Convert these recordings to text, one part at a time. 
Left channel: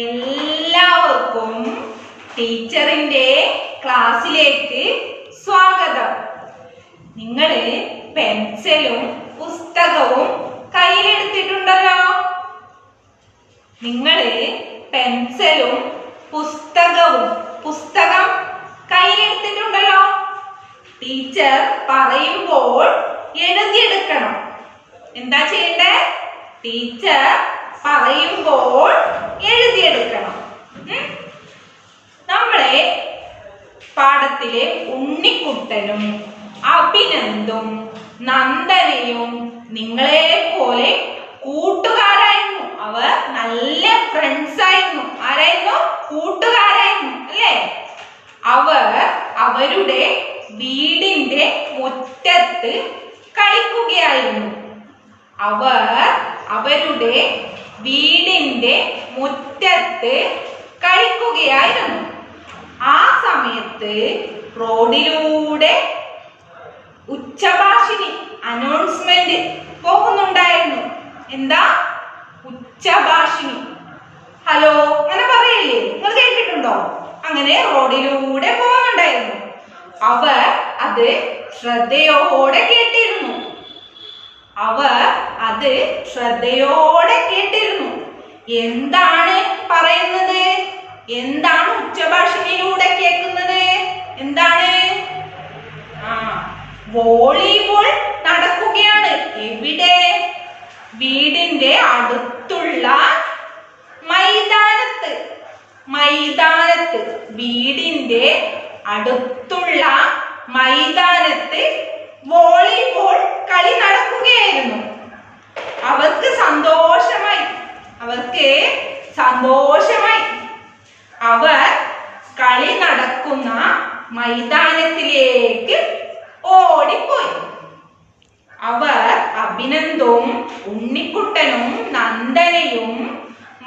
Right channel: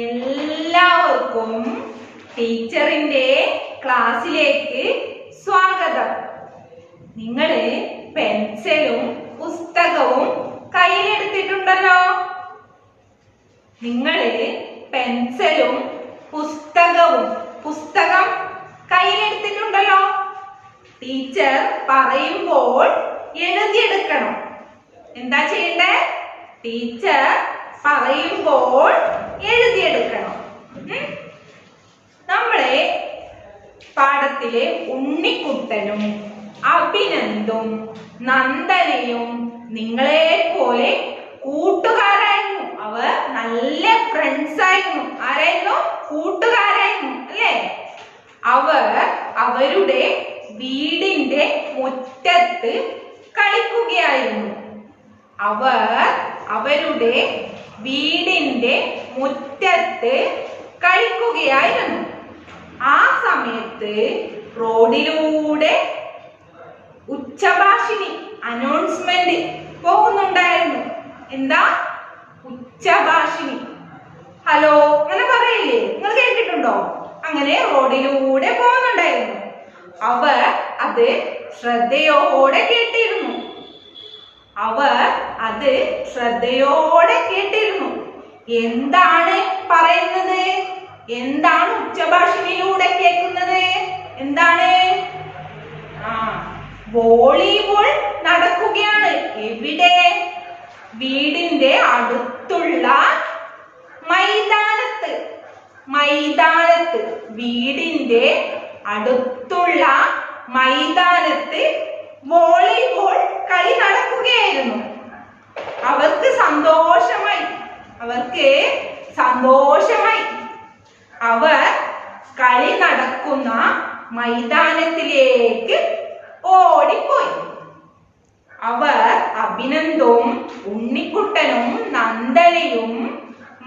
എല്ലാവർക്കും ടീച്ചറിന്റെ ക്ലാസ്സിലേക്ക് സ്വാഗതം. നിങ്ങൾ പെൻസിലും പുസ്തകവും കയ്യിലെടുത്തിട്ടുണ്ടല്ലോ. നിങ്ങൾ പെൻസിലും പുസ്തകം കയ്യിലെടുത്തിട്ടുണ്ടല്ലോ. ടീച്ചർ പറയുമ്പോൾ എഴുതിയെടുക്കണം. എന്താ ചെയ്യണ്ടേ? ടീച്ചർ പറയുമ്പോൾ എഴുതിയെടുക്കണം. നമ്മളെ പാഠത്തിലെ ഉണ്ണിക്കുട്ടനും അഭിനന്ദും നന്ദനയും നിങ്ങളെ പോലെ കൂട്ടുകാരായിരുന്നു. അവർ നല്ല ഫ്രണ്ട്സ് ആയിരുന്നു. ആരായിരുന്നു? കൂട്ടുകാരായിരുന്നു അല്ലേ? അവർ അവരുടെ വീടിന്റെ മുറ്റത്ത് കളിക്കുകയായിരുന്നു. അവർ അവരുടെ വീടിന്റെ മുറ്റത്ത് കളിക്കുകയായിരുന്നു. ആ സമയത്ത് റോഡിലൂടെ ഉച്ചഭാഷിണി അനൗൺസ്മെന്റ് പോകുന്നുണ്ടായിരുന്നു. എന്താ? ഉച്ചഭാഷിണി. ഹലോ അങ്ങനെ പറയില്ലേ? നിങ്ങൾ കേട്ടിട്ടുണ്ടോ? അങ്ങനെ റോഡിലൂടെ പോകുന്നുണ്ടായിരുന്നു. അവർ അത് ശ്രദ്ധയോടെ കേട്ടിരുന്നു. എന്താണ് പറയുന്നത്? എന്താണ് ഉച്ചഭാഷിണിയിലൂടെ കേൾക്കുന്നത്? എന്താണ്? വോളിബോൾ നടക്കുകയാണ്. എവിടെ? വീടിന്റെ അടുത്തുള്ള മൈതാനത്ത്. വീടിന്റെ അടുത്തുള്ള മൈതാനത്ത് വോളിബോൾ കളി നടക്കുകയായിരുന്നു. അവർക്ക് സന്തോഷമായി. അവർ കളി നടക്കുന്ന മൈതാനത്തിലേക്ക് ഓടിപ്പോയി. അവർ അഭിനന്ദും ഉണ്ണിക്കുട്ടനും നന്ദനയും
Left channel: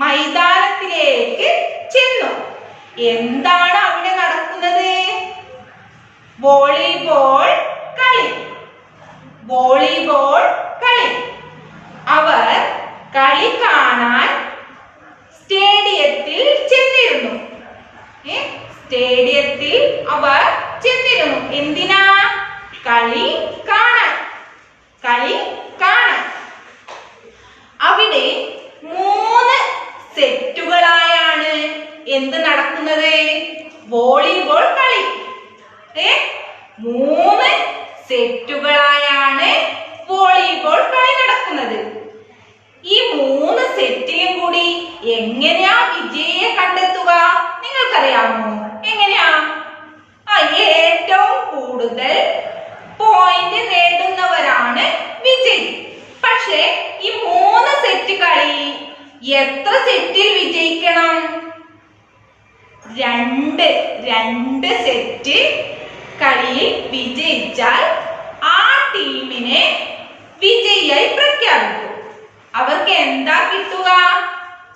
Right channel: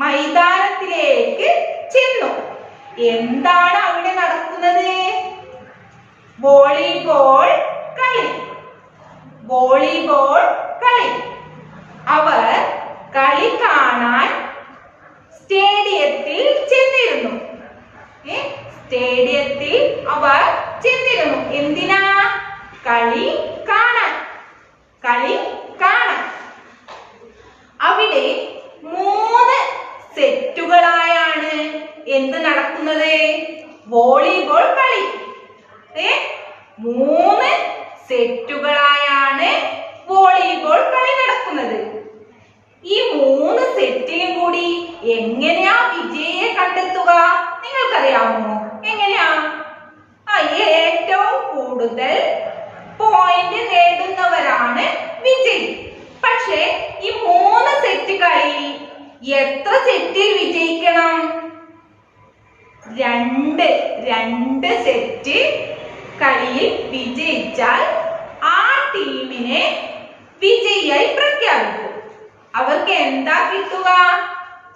മൈതാനത്തിലേക്ക് ചെന്നു. എന്താണ് അവിടെ നടക്കുന്നത്? വോളിബോൾ കളി. അവർ കളി കാണാൻ സ്റ്റേഡിയത്തിൽ ചെന്നിരുന്നു. അവർ ചെന്നിരുന്നു. എന്തിനാ? കളി കാണാൻ. അവിടെ 3 സെറ്റുകളായാണ് എന്ത് നടക്കുന്നത്? വോളിബോൾ കളി. 3 സെറ്റുകളായാണ് വോളിബോൾ കളി നടക്കുന്നത്. ഈ 3 സെറ്റിലും കൂടി എങ്ങനെയാ വിജയിയെ കണ്ടെത്തുക? നിങ്ങൾക്കറിയാമോ? എങ്ങനെയാ? ഏറ്റവും കൂടുതൽ പോയിന്റ് നേടുന്നവരാണ് വിജയി. പക്ഷേ ഈ 3 സെറ്റ് കളി എത്ര സെറ്റിൽ വിജയിക്കണം? 2 സെറ്റ് കളിയിൽ വിജയിച്ചാൽ ആ ടീമിനെ വിജയിയായി പ്രഖ്യാപിക്കും. അവർക്ക് എന്താ കിട്ടുക?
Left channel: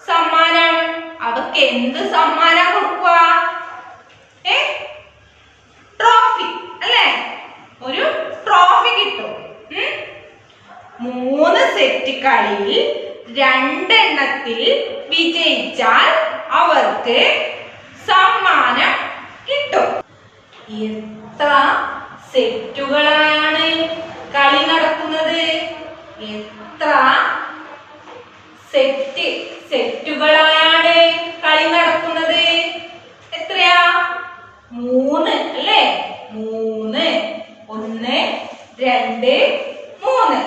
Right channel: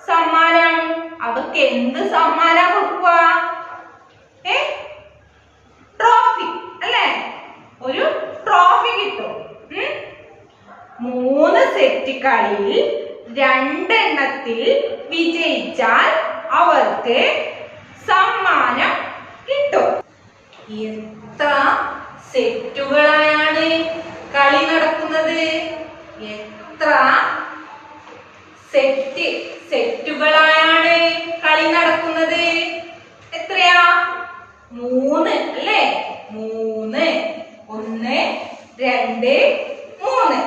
സമ്മാനം. അവർക്ക് എന്ത് സമ്മാനം കൊടുക്കുക? ട്രോഫി അല്ലേ? ഒരു ട്രോഫി കിട്ടും. 3 സെറ്റ് കളിയിൽ 2 എണ്ണത്തിൽ വിജയിച്ചാൽ അവർക്ക് സമ്മാനം കിട്ടും. എത്ര സെറ്റുകളായാണ് കളി നടക്കുന്നത്? എത്ര സെറ്റുകളായാണ് കളി നടക്കുന്നത്? എത്രയാ? 3 അല്ലേ? 3 1 2 3.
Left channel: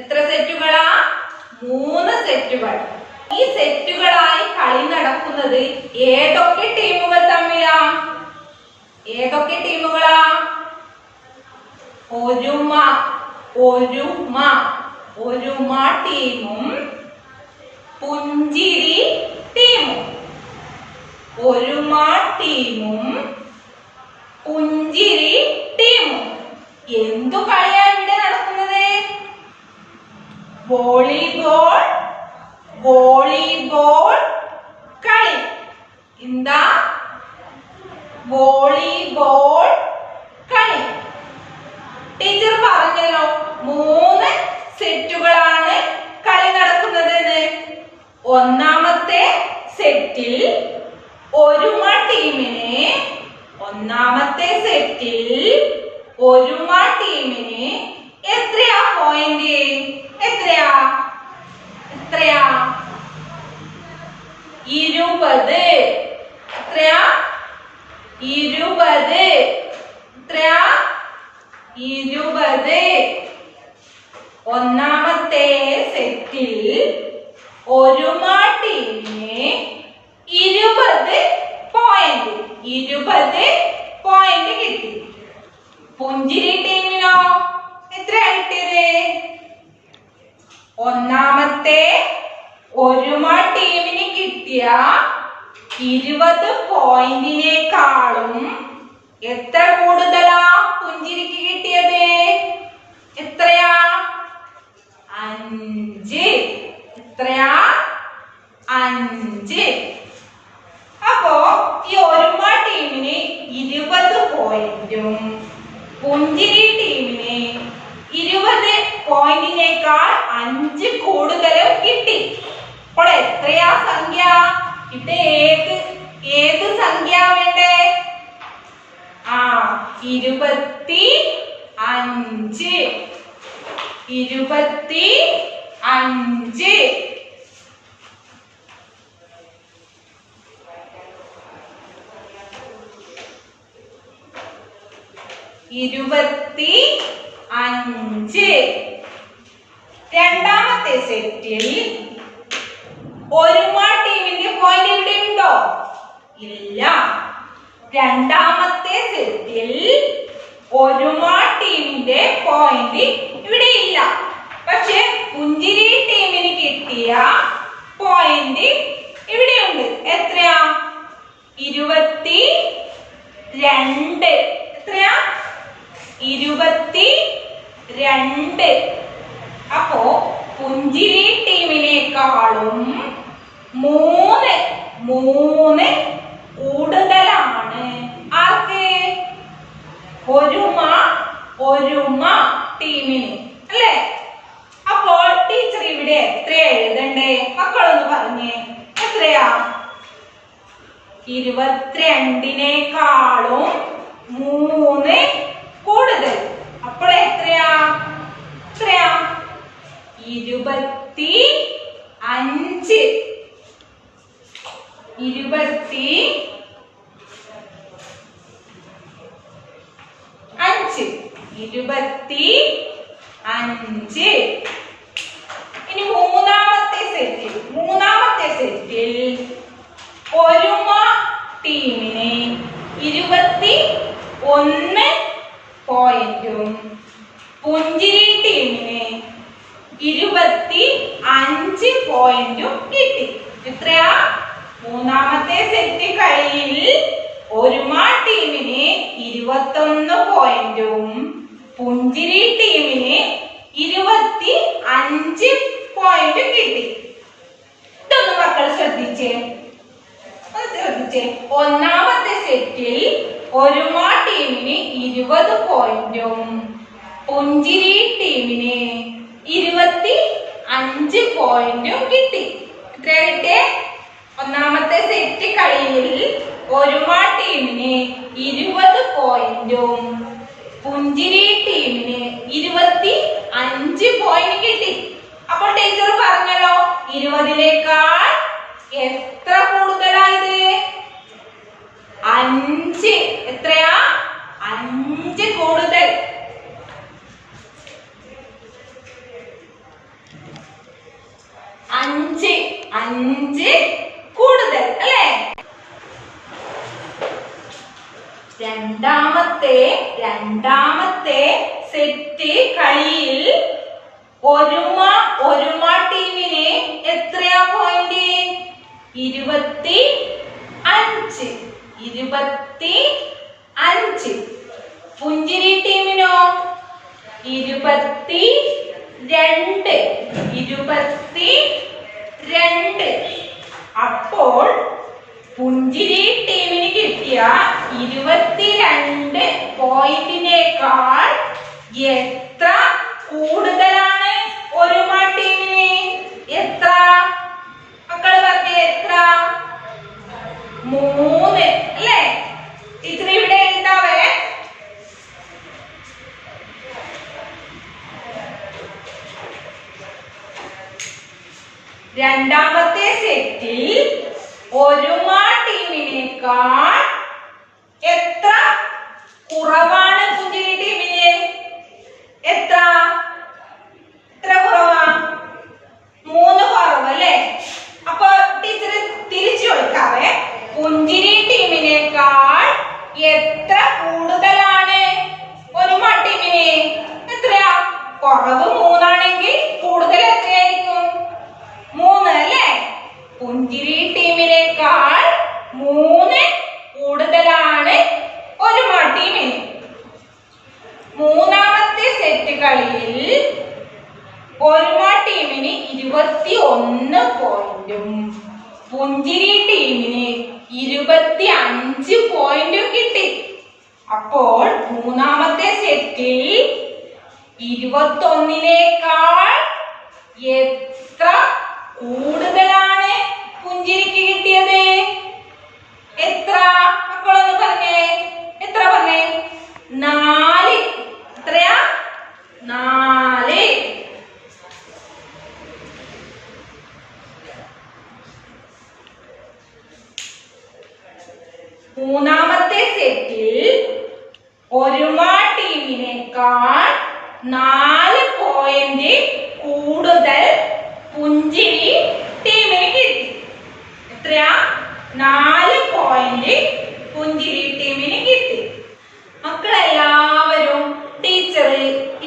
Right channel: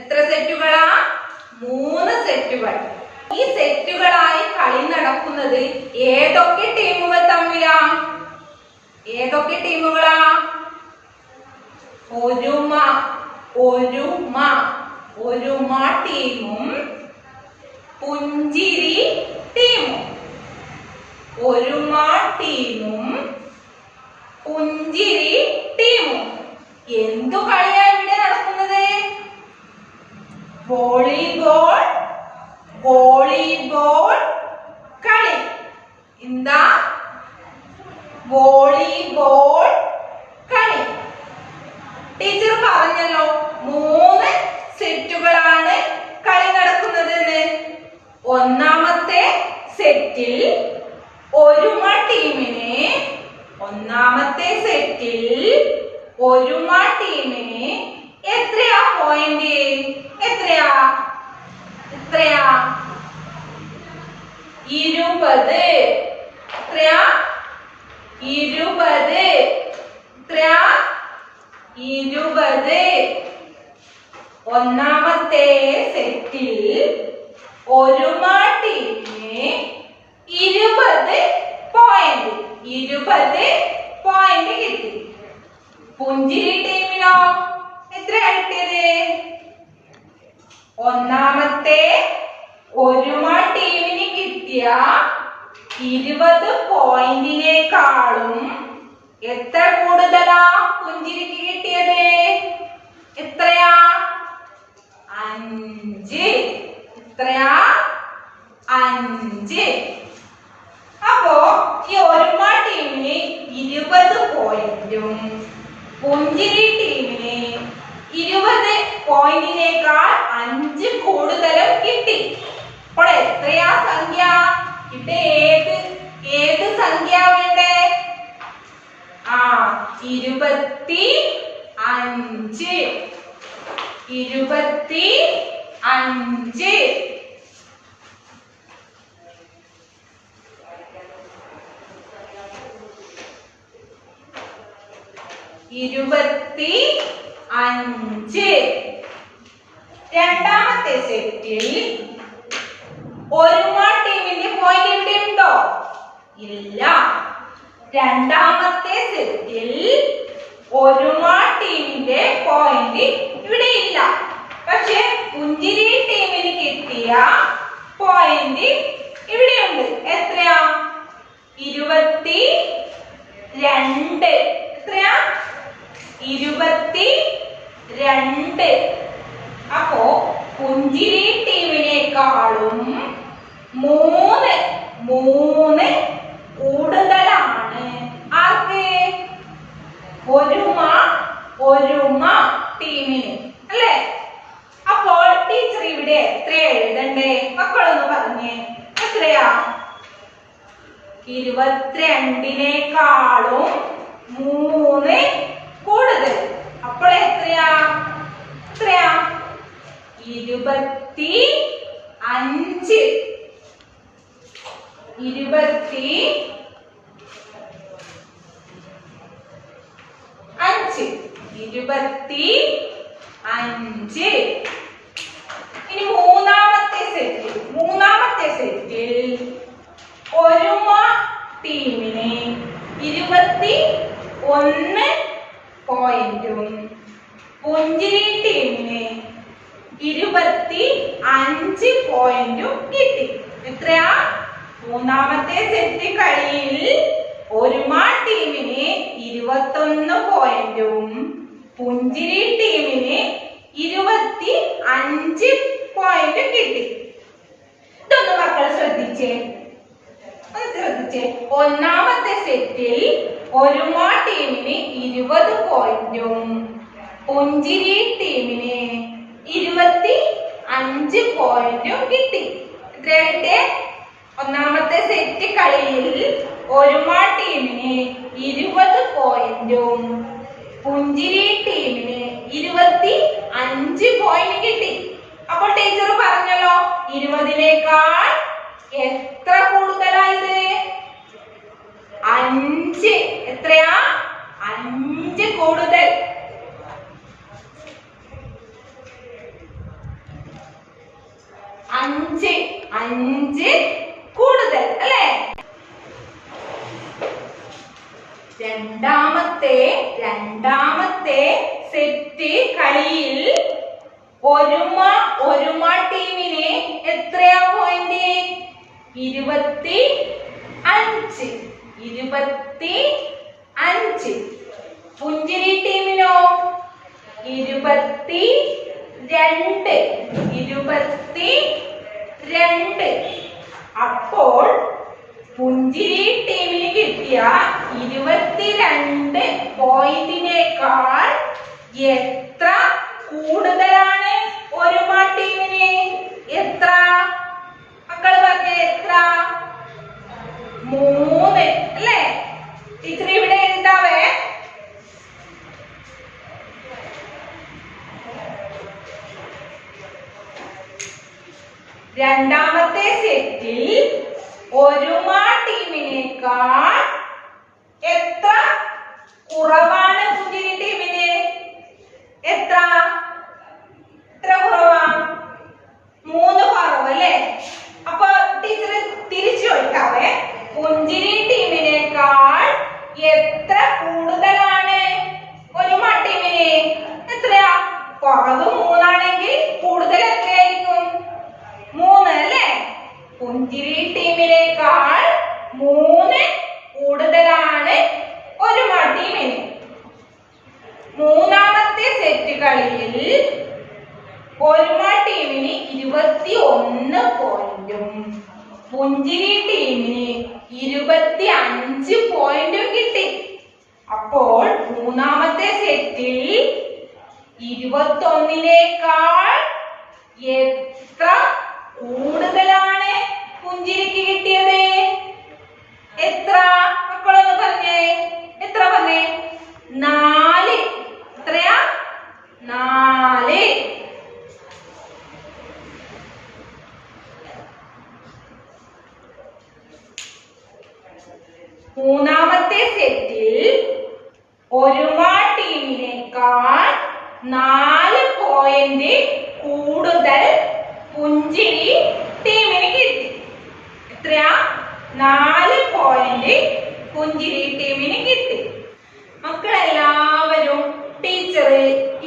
എത്ര സെറ്റുകളാ? 3 സെറ്റുകൾ. ഈ സെറ്റുകളായി കളി നടക്കുന്നത് ഏതൊക്കെ ടീമുകൾ തമ്മിലാ? ഏതൊക്കെ ടീമുകളാ? ഒരുമ ടീമും പുഞ്ചിരി ടീമും. എന്തു കളിയാ ഇവിടെ നടക്കുന്നത്? വോളിബോൾ കളി. എന്താ? വോളിബോൾ കളി. ടീച്ചർ പറഞ്ഞല്ലോ 3 സെറ്റുകളാണ് കളി നടക്കുന്നത്. ഒന്നാമത്തെ സെറ്റിൽ ഒരുമ ടീമിന് ഒന്നാമത്തെ സെറ്റിൽ ഒരുമ ടീമിന് എത്രയാ പോയിന്റ്? എത്രയാ? 20. എത്രയാ? 20. എത്രയാ? 20. ഒന്നാമത്തെ സെറ്റിൽ ഒരുമ ടീമിന് 20 പോയിന്റ്. 20 പോയിന്റ് കിട്ടി. പുഞ്ചിരി ടീമിനോ എത്രയാ കിട്ടിയത്? ഒന്നാമത്തെ ഒരുമ ടീമിന് കിട്ടിയ 20 പോയിന്റിനേക്കാളും എത്ര കൂടുതലാ പുഞ്ചിരിക്ക് കിട്ടിയത്? എത്രയാ? 5. എത്രയാ? 5. അപ്പോ ഈ ഒരുമ ടീമിന് 20 പോയിന്റും പുഞ്ചിരി ടീമിന് 20 പോയിന്റിനേക്കാൾ 5 കൂടുതലും കിട്ടി. അപ്പോൾ എത്രയാ സംഖ്യ? ഇവിടെ ഏത് സംഖ്യ വേണ്ടേ? 25. 25. രണ്ടാമത്തെ സെറ്റിൽ ഒരുമ ടീമിന്റെ പോയിന്റ് ഇവിടെ ഉണ്ടോ? ഇല്ല. രണ്ടാമത്തെ സെറ്റിൽ ഒരുമ ടീമിന്റെ പോയിന്റ് ഇവിടെ ഇല്ല. പക്ഷെ പുഞ്ചിരി ടീമിന് കിട്ടിയ പോയിന്റ് ഇവിടെയുണ്ട്. എത്രയാ? 22. എത്രയാ? 22. അപ്പോ പുഞ്ചിരി ടീമിനേക്കാളും 3 കൂടുതലാണ് ആർക്ക്? ഒരുമ ടീമിന് അല്ലേ? അപ്പോൾ ടീച്ചർ ഇവിടെ എത്ര എഴുതണ്ടേ? മക്കളൊന്ന് പറഞ്ഞേ. എത്രയാ? 22നേക്കാളും 3 കൂടുതൽ. അപ്പോൾ എത്രയാ? 25. 25. ഇനി മൂന്നാമത്തെ സെറ്റിൽ ഒരുമ ടീമിന് 21 പോയിന്റും പുഞ്ചിരി ടീമിന് 25 പോയിന്റും കിട്ടി. എത്രയാ? മൂന്നാമത്തെ സെറ്റ് കളിയിൽ ഒരുമ ടീമിന് 21 പോയിന്റും പുഞ്ചിരി ടീമിന് 25 പോയിന്റ് കിട്ടി. ഇതൊന്ന് മക്കൾ ശ്രദ്ധിച്ചേ. ഒന്നാമത്തെ സെറ്റിൽ ഒരുമ ടീമിന് 20 പോയിന്റും പുഞ്ചിരി ടീമിന് 25 പോയിന്റും കിട്ടി. എത്രയാ കിട്ടിയേ? ഒന്നാമത്തെ സെറ്റ് കളിയിൽ ഒരുമ ടീമിന് 20 പോയിന്റും പുഞ്ചിരി ടീമിന് 25 പോയിന്റ് കിട്ടി. അപ്പോൾ ടീച്ചർ പറഞ്ഞല്ലോ 20നേക്കാൾ എത്ര കൂടുതലായത്? 5. എത്രയാ? 5 കൂടുതൽ. അഞ്ച് കൂടുതൽ അല്ലേ? രണ്ടാമത്തെ സെറ്റ് കളിയിൽ ഒരുമ ടീമിന് എത്രയാ പോയിന്റ്? 25. പുഞ്ചിരി ടീമിനോ 22. അപ്പോൾ പുഞ്ചിരി ടീമിന് കിട്ടിയ 22 പോയിന്റിനേക്കാൾ എത്ര കൂടുതലാണ് ഒരുമ ടീമിന്? എത്ര? മക്കൾ പറഞ്ഞേ എത്ര? 3 അല്ലേ? ടീച്ചർ ഇവിടെ എഴുതാവേ. രണ്ടാമത്തെ സെറ്റിൽ ഒരുമ ടീമിനേക്കാൾ എത്ര കുറവാണ് പുഞ്ചിരി ടീമിന്? എത്ര കുറവാ? 3 കുറവ് അല്ലേ? അപ്പൊ ടീച്ചർ തിരിച്ചു ചോദിക്കാവേ. പുഞ്ചിരി ടീമിനേക്കാൾ എത്ര കൂടുതലാണ് ഒരുമ ടീമിന്? എത്രയാ? കുറവ് 3 ആണെങ്കിൽ കൂടുതൽ എത്രയായിരിക്കും? 3 അല്ലേ? പുഞ്ചിരി ടീമിനേക്കാൾ 3 കൂടുതലാണ് ഒരുമ ടീമിന്. മൂന്നാമത്തെ സെറ്റ് കളിയിൽ ഒരുമ ടീമിന് 21 പോയിന്റും പുഞ്ചിരി ടീമിന് 25 പോയിന്റും കിട്ടി. അപ്പോൾ മൂന്നാമത്തെ സെറ്റിൽ 21നേക്കാൾ എത്ര കൂടുതലാണ് പുഞ്ചിരിക്ക് കിട്ടിയത്? എത്ര? മക്കളൊന്ന് പറഞ്ഞേ. എത്ര പറഞ്ഞേ? 4. എത്രയാ? 4. മൂന്നാമത്തെ സെറ്റിൽ ഒരുമ ടീമിനേക്കാൾ 4 പോയിന്റ് കൂടുതൽ പുഞ്ചിരി ടീമിന് കിട്ടി. എത്രയാ? 4 പോയിന്റ് പുഞ്ചിരി ടീമിന് കിട്ടി. മക്കളെല്ലാവരും ടീച്ചർ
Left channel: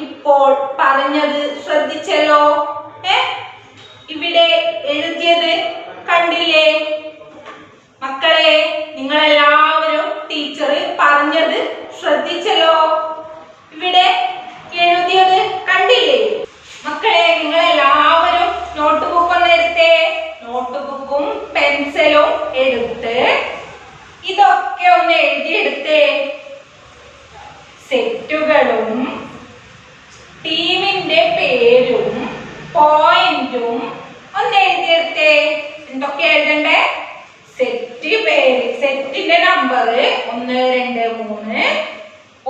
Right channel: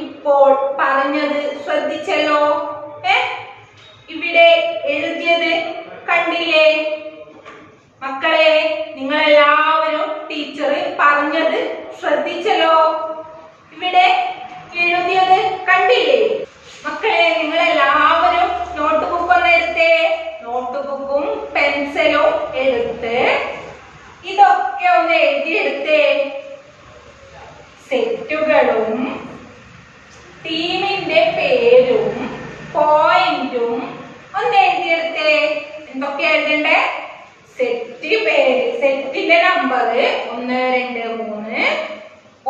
ഇപ്പോൾ പറഞ്ഞത് ശ്രദ്ധിച്ചല്ലോ? ഇവിടെ എഴുതിയത് കണ്ടില്ലേ? മക്കളെ, നിങ്ങളെല്ലാവരും ടീച്ചർ പറഞ്ഞത് ശ്രദ്ധിച്ചല്ലോ? ഇവിടെ എഴുതിയത് കണ്ടില്ലേ? മക്കളെ, നിങ്ങളെല്ലാവരും നോട്ട് ബുക്ക് ഒന്ന് എടുത്തേ. നോട്ട് ബുക്കും പെൻസിലും എടുത്ത് ഇതൊക്കെ ഒന്ന് എഴുതിയെടുത്തേ. സെറ്റുകളും ടീമിന്റെ പേരും പോയിന്റും ഒന്ന് എഴുതിയെടുത്തേ. എന്തൊക്കെ എഴുതണ്ടേ? സെറ്റ് പേര്, സെറ്റിന്റെ നമ്പർ 1 2 3,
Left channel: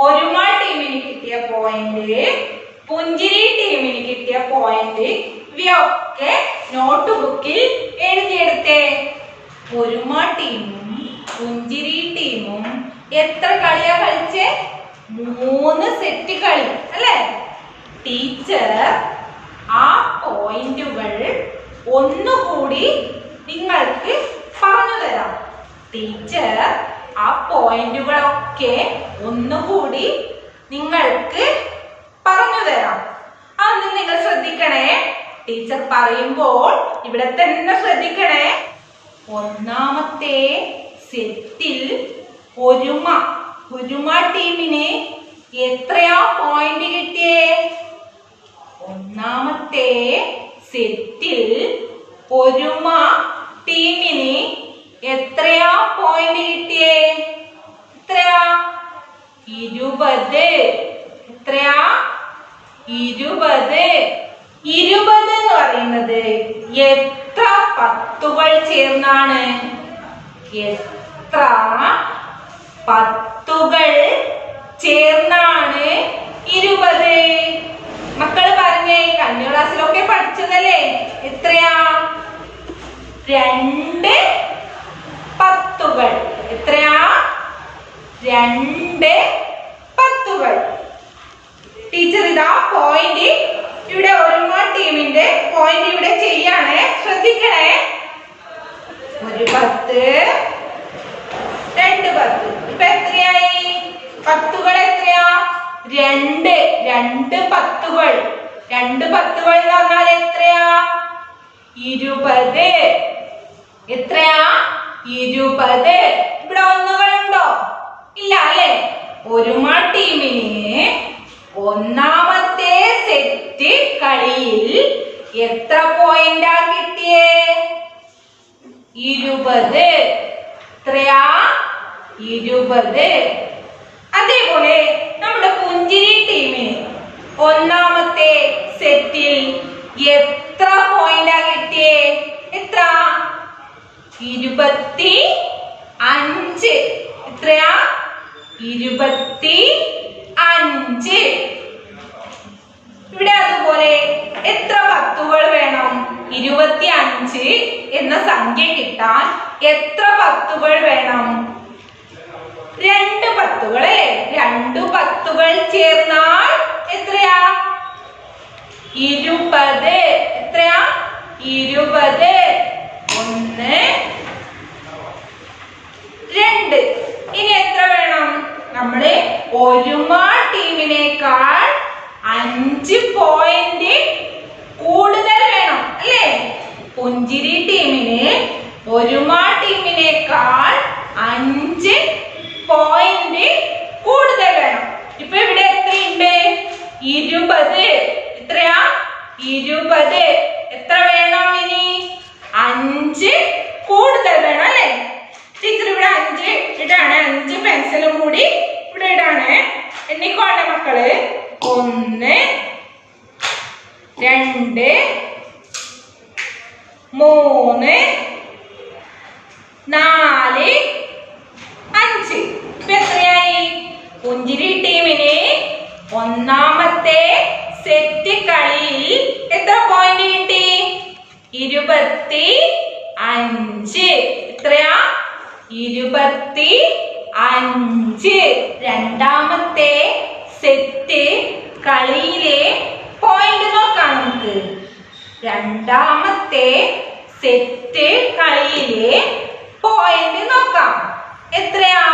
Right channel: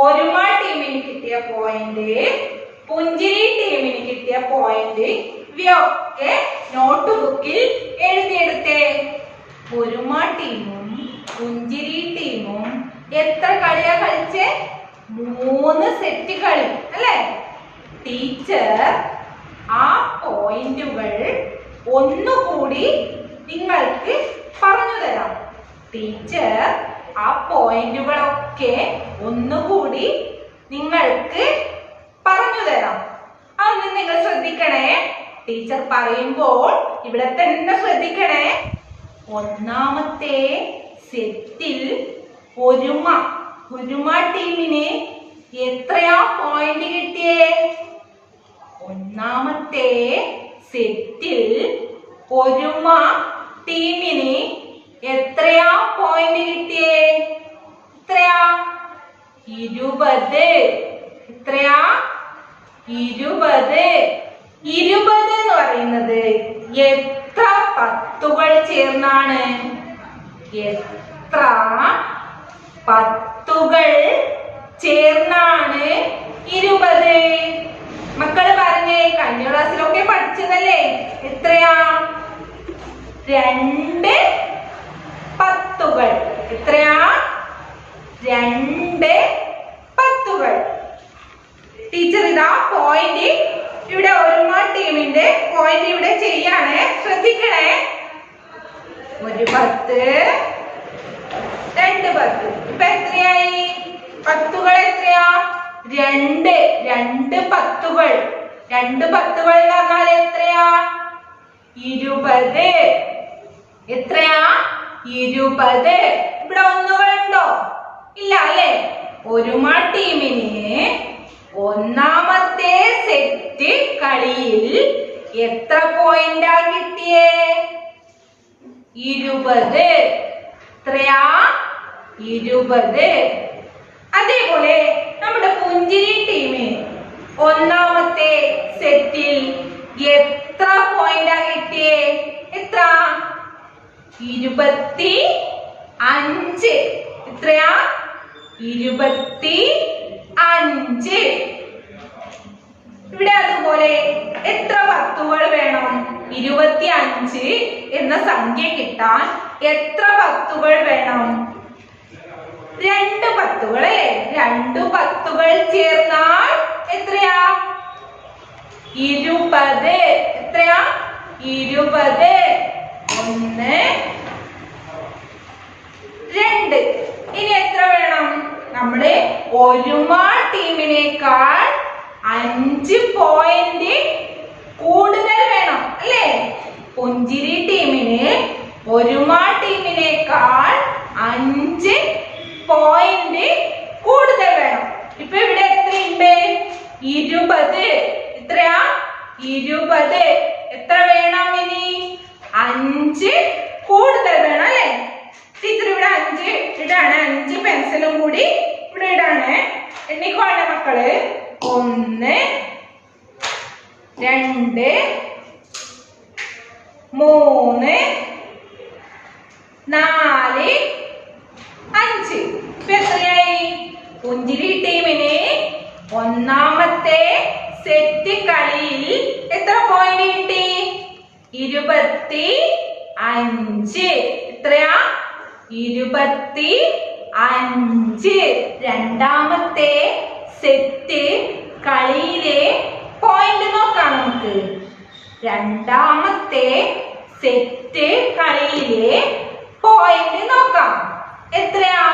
ഒരുമ ടീമിന് കിട്ടിയ പോയിന്റ്, പുഞ്ചിരി ടീമിന് കിട്ടിയ പോയിന്റ്, ഇവയൊക്കെ നോട്ട് ബുക്കിൽ എഴുതിയെടുത്തേ. ഒരുമ ടീമും പുഞ്ചിരി ടീമും എത്ര കളിയാ കളിച്ചേ? 3 സെറ്റ് കളി അല്ലേ? ടീച്ചർ ആ പോയിന്റുകൾ ഒന്നുകൂടി നിങ്ങൾക്ക് പറഞ്ഞു തരാം. ടീച്ചർ ആ പോയിന്റുകളൊക്കെ ഒന്നുകൂടി നിങ്ങൾക്ക് പറഞ്ഞു തരാം. അതൊന്ന് നിങ്ങൾ ശ്രദ്ധിക്കണേ. ടീച്ചർ പറയുമ്പോൾ ഇവിടെ തന്നെ ശ്രദ്ധിക്കണേ. ഒന്നാമത്തെ സെറ്റിൽ ഒരുമ ടീമിന് എത്രയാ പോയിന്റ് കിട്ടിയേ? ഒന്നാമത്തെ സെറ്റിൽ ഒരുമ ടീമിന് എത്രയാ പോയിന്റ് കിട്ടിയേ? എത്രയാ? 20. എത്രയാ? 20. 20 എന്ന് പറയുന്നത് എത്ര പത്തുകൾ ചേർന്നാണ്? എത്ര പത്തുകൾ ചേർന്നാണ് 20? മക്കൾ പറഞ്ഞേ, കഴിഞ്ഞ ക്ലാസ്സിലൊക്കെ പഠിച്ചതല്ലേ? എത്രയാ? 2 പത്തുകൾ. എത്രയാ? 2 പത്തുകൾ. ടീച്ചർ ഇതാ പോയിന്റ് ഇവിടെ ഒരുമ ടീമിന്റെ പോയിന്റ് ഇവിടെ ചെയ്യാണ്. ശ്രദ്ധിക്കണേ. 1 10, 2 10. ഇപ്പൊ എത്രയായി? പത്തുകൾ എത്രയാ? 2 പത്തുകൾ. 2 പത്തുകൾ എന്ന് പറഞ്ഞാൽ എത്രയാ? 20. എത്രയാ? 20. ഇവിടെ ഒന്നുകളുണ്ടോ? ഇല്ല അല്ലേ? ഒരുമ ടീമിന് ഒന്നാമത്തെ സെറ്റ് കളിയിൽ എത്ര പോയിന്റാ കിട്ടിയേ? 20. എത്രയാ? 20. അതേപോലെ നമ്മുടെ പുഞ്ചിരി ടീമിന് ഒന്നാമത്തെ സെറ്റിൽ എത്ര പോയിന്റാ കിട്ടിയേ? എത്ര? 25 5. എത്രയാ? 25. ഇവിടെ അതുപോലെ എത്ര പത്തുകൾ വേണം? 25 എന്ന സംഖ്യ കിട്ടാൻ എത്ര പത്തുകൾ വേണം? 2 പത്തുകൾ അല്ലേ? 2 പത്തുകൾ ചേർന്നാൽ എത്രയാ? 20. എത്രയാ? 20. 1 2. ഇനി എത്ര വേണം? നമ്മുടെ ഒരുമാ ടീമിനേക്കാൾ 5 പോയിന്റ് കൂടുതൽ വേണം അല്ലേ? പുഞ്ചിരി ടീമിന് ഒരുമാ ടീമിനേക്കാൾ 5 പോയിന്റ് കൂടുതൽ വേണം. ഇപ്പൊ ഇവിടെ എത്രയുണ്ട്? 20. എത്രയാ? 20. എത്ര വേണം ഇനി? 5 കൂടുതൽ വേണം അല്ലേ? ടീച്ചർ ഇവിടെ 5 ഇടാണ്. 5 പെൻസിലും കൂടി ഇവിടെ ഇടാണ്. എണ്ണിക്കോളെ മക്കള്. 1 2 3 4 5. ഇപ്പൊ എത്രയായി? പുഞ്ചിരി ടീമിന് ഒന്നാമത്തെ സെറ്റ് കളിയിൽ എത്ര പോയിന്റ് കിട്ടി? 25. എത്രയാ? 25. രണ്ടാമത്തെ സെറ്റ് കളിയിലെ പോയിന്റ് നോക്കാം നമുക്ക്. രണ്ടാമത്തെ സെറ്റ് കളിയിലെ പോയിന്റ് നോക്കാം. എത്രയാ?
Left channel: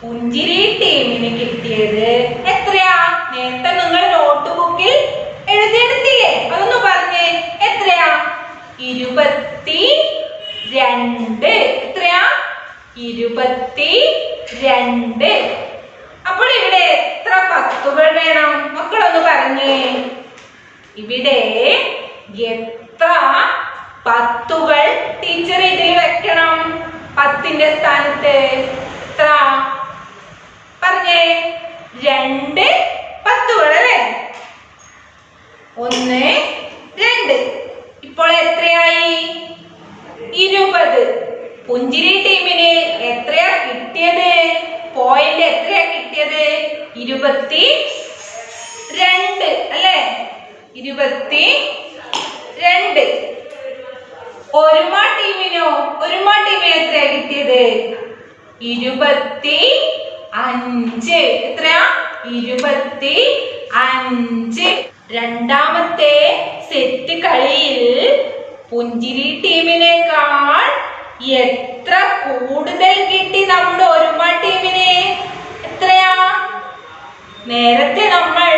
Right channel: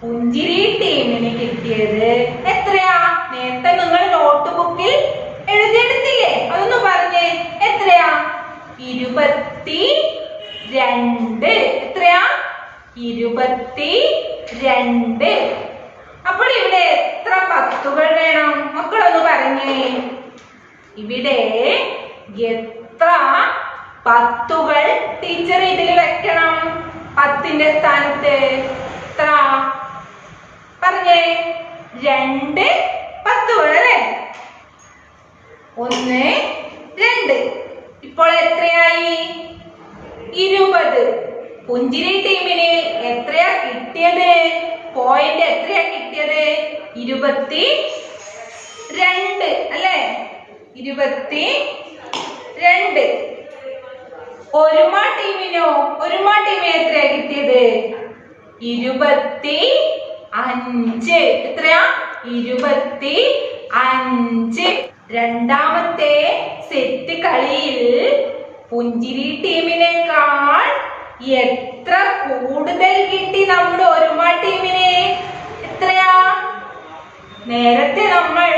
പുഞ്ചിരി ടീമിന് കിട്ടിയത് എത്രയാ? നേരത്തെ നിങ്ങൾ നോട്ട് ബുക്കിൽ എഴുതിയെടുത്തില്ലേ? അതൊന്ന് പറഞ്ഞേ. എത്രയാ? 22. എത്രയാ? 22. അപ്പോൾ ഇവിടെ എത്ര പത്തുകൾ വേണം? മക്കളൊന്ന് പറഞ്ഞേ. ഇവിടെ എത്ര പത്തുകൾ ടീച്ചർ ഇതിൽ വെക്കണം? 10ന്റെ സ്ഥാനത്ത് എത്ര? പറഞ്ഞേ. 2 പത്തുകൾ അല്ലേ? 1 2. ഇപ്പോൾ എത്രയായി? 20. പുഞ്ചിരി ടീമിന് എത്രയാ കിട്ടിയത്? പോയിന്റ് എത്രയാ കിട്ടിയത്? 22 അല്ലേ? 22. ഒരുമാ ടീമിനോ? ഒരുമാ ടീമിന് എത്രയാ കിട്ടിയത്? 25. എത്രയാ? 25. രണ്ടാമത്തെ സെറ്റ് കളിയിൽ പുഞ്ചിരി ടീമിനേക്കാൾ എത്ര കൂടുതൽ കിട്ടി നമ്മുടെ ഒരുമാ ടീമിന്? എത്രയാ? നേരത്തെ നമ്മൾ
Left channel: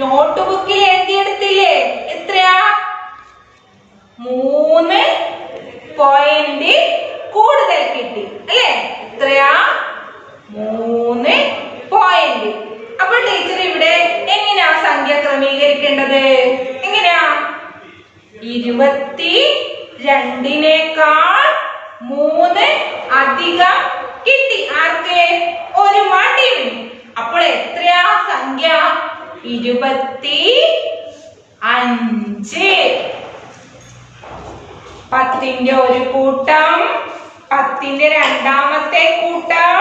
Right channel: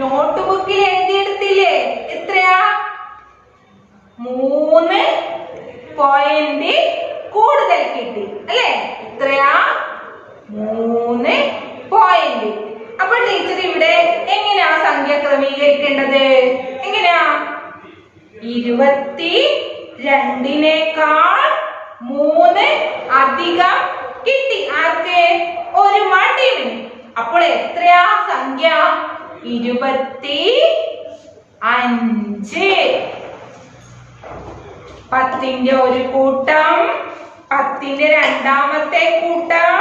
നോട്ട് ബുക്കിൽ എഴുതിയെടുത്തില്ലേ? എത്രയാ? 3 പോയിന്റ് കൂടുതൽ കിട്ടി അല്ലേ? എത്രയാ? 3 പോയിന്റ്. അപ്പോൾ ടീച്ചർ ഇവിടെ എങ്ങനെയാ സംഖ്യ ക്രമീകരിക്കേണ്ടത്? എങ്ങനെയാ? 22നേക്കാൾ 3 അധികം കിട്ടി. ആർക്ക്? ഒരുമാ ടീമിന്. അപ്പോൾ എത്രയാ സംഖ്യ? 25. 10ന്റെ ഒരു കൂട്ടം, 10ന്റെ രണ്ടാമത്തെ കൂട്ടം,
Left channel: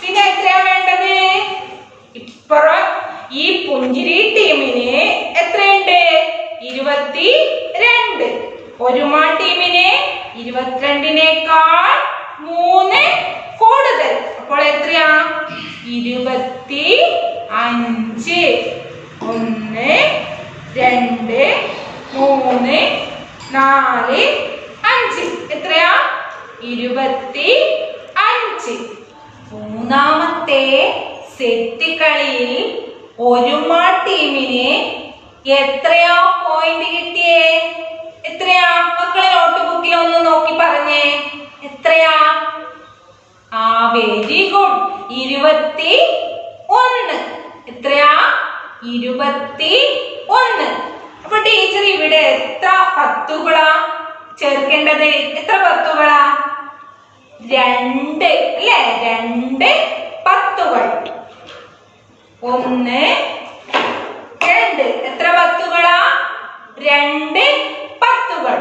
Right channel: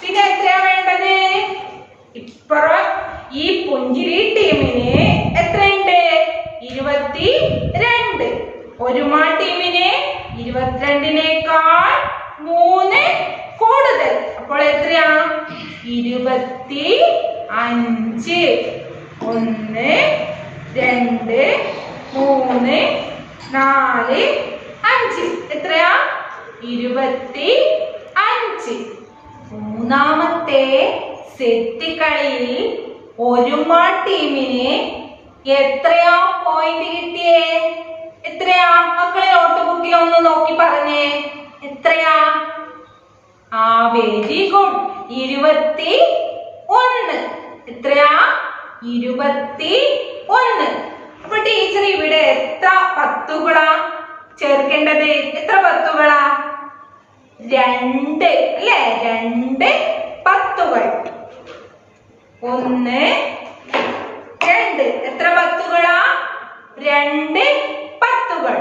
പിന്നെ എത്രയാ വേണ്ടത്? ഇപ്പുറം ഈ പുഞ്ചിരി ടീമിന് എത്രയുണ്ട്? 22. ഒരുമാ ടീമിന് 22നേക്കാൾ 3 കൂടുതൽ. അപ്പോൾ എത്രയാ? 25. 1 2 3 4 5. എത്രയാ? 25. മൂന്നാമത്തെ സെറ്റ് കളിയിൽ ഒരുമാ ടീമിന് എത്രയാ പോയിന്റ് കിട്ടിയേ? എത്രയാ? മക്കളെ നോട്ട് ബുക്കിൽ ഒന്ന് നോക്കി പറഞ്ഞേ. എത്രയാ? Very good. 21. എത്രയാ? 21. അപ്പൊ ടീച്ചർ ഇവിടെ എത്ര പത്തുകളാ ചേർക്കേണ്ടത്? എത്ര പത്തുകളാ? 2 അല്ലേ? 2 പത്തുകൾ. 1 2. എത്ര പത്തുകളാ? 2 പത്തുകൾ.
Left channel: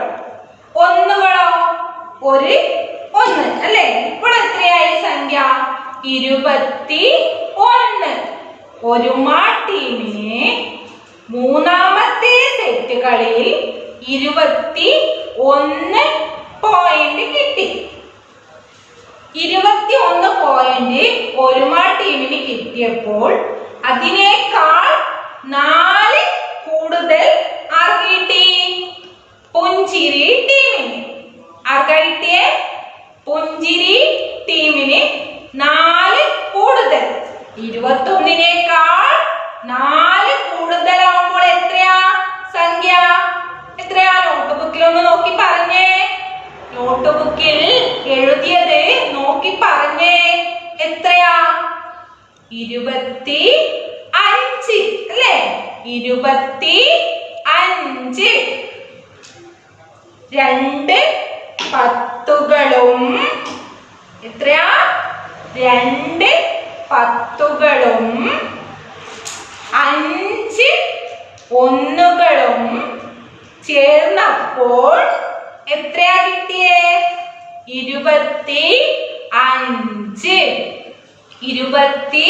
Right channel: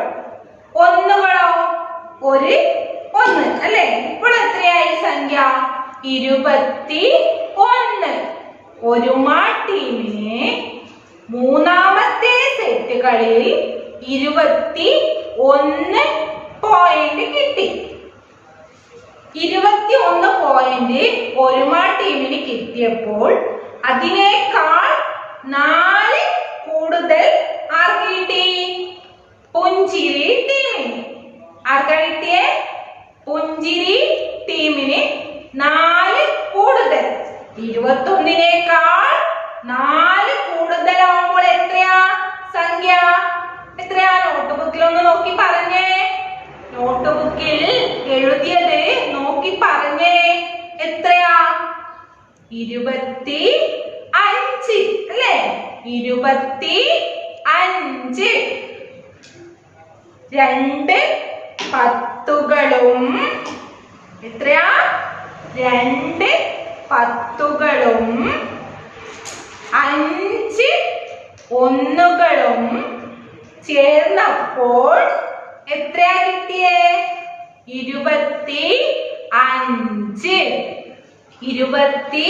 ഒന്നുകളോ? 1 അല്ലേ? ഇപ്പോൾ എത്രയായി? 21. ഒരുമാ ടീമിന് മൂന്നാമത്തെ സെറ്റുകളിൽ 21 പോയിന്റ് കിട്ടി. 21 പോയിന്റ് ഒരുമാ ടീമിന് കിട്ടിയപ്പോൾ അതിനേക്കാൾ 4 കൂടുതൽ ആർക്ക് കിട്ടി? പുഞ്ചിരി ടീമിന്. ആർക്കാ കിട്ടിയേ? പുഞ്ചിരി ടീമിന് 4 കൂടുതൽ. 21നേക്കാൾ 4 കൂടുതലാവുമ്പോൾ എത്രയാ സംഖ്യ? എത്രയാ? നോട്ട് ബുക്കിൽ ഒന്ന് നോക്കി പറഞ്ഞേ. നോട്ട് ബുക്കിൽ എഴുതിയത് നോക്കി പറഞ്ഞേ. എത്രയാ? 25 അല്ലേ? 25. 2 പത്തുകളും എത്രയാ? 2 പത്തുകളും 5 ഒന്നുകളും ചേർന്നപ്പോൾ എത്രയാ കിട്ടിയേ? 25. 25.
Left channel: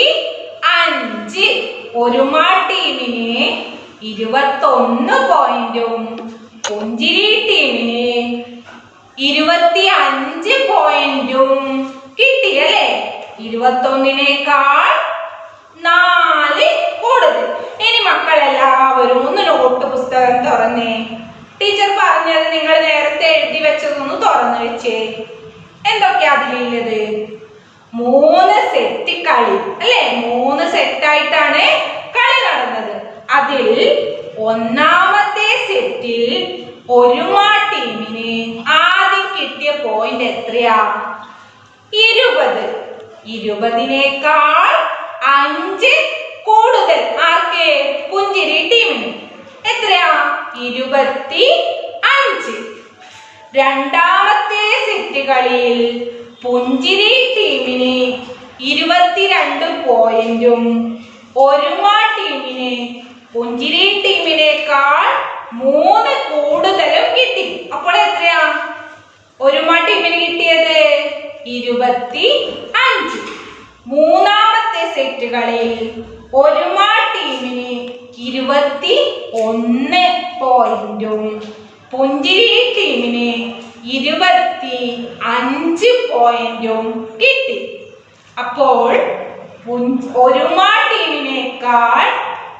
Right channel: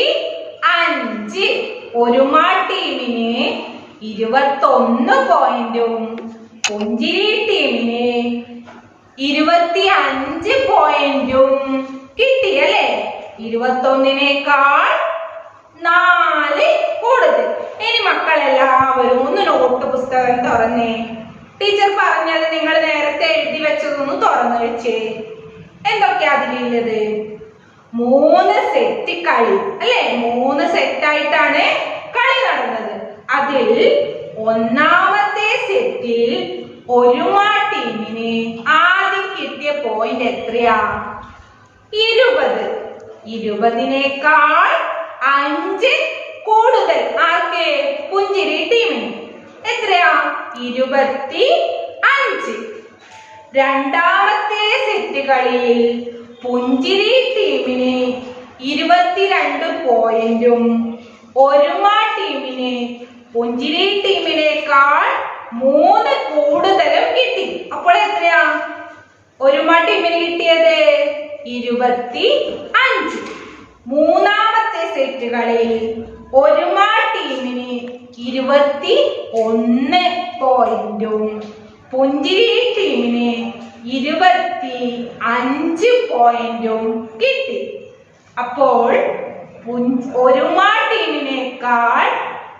ഒരുമാ ടീമിന് 21 പോയിന്റും പുഞ്ചിരി ടീമിന് 25 പോയിന്റും കിട്ടി അല്ലേ? 21നേക്കാൾ 4 കൂടുതൽ. ഇനി മക്കളെല്ലാവരും ഒന്ന് നോട്ട് പുസ്തകം തുറന്നേ. ടീച്ചർ പറഞ്ഞത് നിങ്ങൾ നേരത്തെ എഴുതി വെച്ചതൊന്ന് തുറന്നു വെച്ചേ. എന്തൊക്കെയാ അതിലുള്ളത്? 3 സെറ്റ് കളി അല്ലേ? 3 സെറ്റായിട്ടാണ് കളി നടന്നത്. അതിൽ ഒന്നാമത്തെ സെറ്റിൽ ഒരുമാ ടീമിന് ആദ്യം കിട്ടിയ പോയിന്റ് എത്രയാ? 20. 20നേക്കാൾ 5 കൂടുതൽ ആർക്ക്? പുഞ്ചിരി ടീമിന്. എത്രയാ? 25. രണ്ടാമത്തെ സെറ്റ് കളിയിൽ പുഞ്ചിരി ടീമിന് 22 പോയിന്റും ഒരുമാ ടീമിന് പുഞ്ചിരി ടീമിനേക്കാൾ 3 കൂടുതലും കിട്ടി. അപ്പോൾ എത്രയാ ഒരുമാ ടീമിന് കിട്ടിയത്? 25. മൂന്നാമത്തെ സെറ്റുകളിൽ ഒരുമാ ടീമിന് 21 പോയിന്റും പുഞ്ചിരി ടീമിന് 25 പോയിന്റും കിട്ടി. അപ്പോൾ ഒരുമാ ടീമിനേക്കാൾ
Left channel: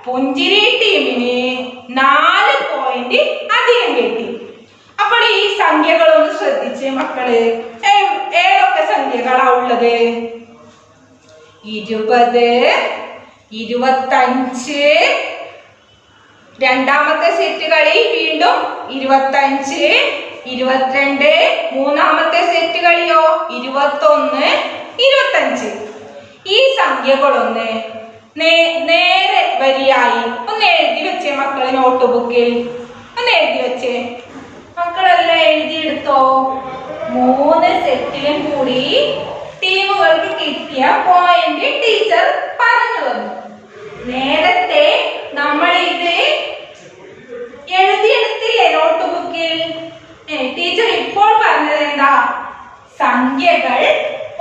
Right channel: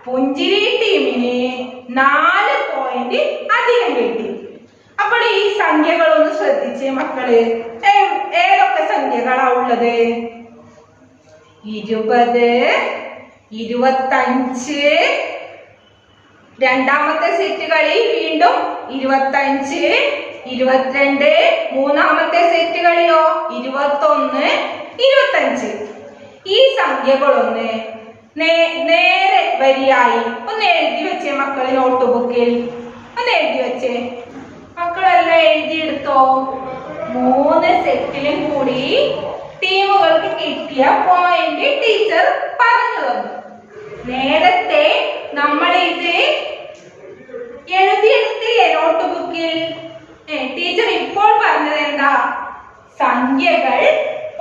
പുഞ്ചിരി ടീമിന് 4 പോയിന്റ് അധികം കിട്ടി. അപ്പോൾ ഈ സംഖ്യകളൊന്ന് ശ്രദ്ധിച്ചേ മക്കള്. ഏതൊക്കെ സംഖ്യകളാ ഉള്ളത്? 20, 25. രണ്ടാമത്തെ സെറ്റുകളിൽ വീണ്ടും 25, 22. മൂന്നാമത്തെ സെറ്റുകളിലോ 21, 25. ഈ സംഖ്യകളൊന്ന് നേരെ വരിയായി ഒന്ന് എഴുതി വെച്ചേ മക്കള്. നോട്ട് ബുക്കിൽ ഒന്ന് എഴുതി വെച്ചേ. മക്കളെല്ലാം എഴുതിയെടുത്തോ? 3 സെറ്റിലും കൂടി ടീമുകൾക്ക് കിട്ടിയ പോയിന്റ് ടീച്ചർ പറഞ്ഞു തന്നു. നേരത്തെ നമ്മൾ ഇത് എഴുതിയെടുത്തില്ലേ നോട്ട് ബുക്കിൽ? ടീച്ചർ ഇപ്പോൾ പറഞ്ഞത് എന്താ? സംഖ്യകൾ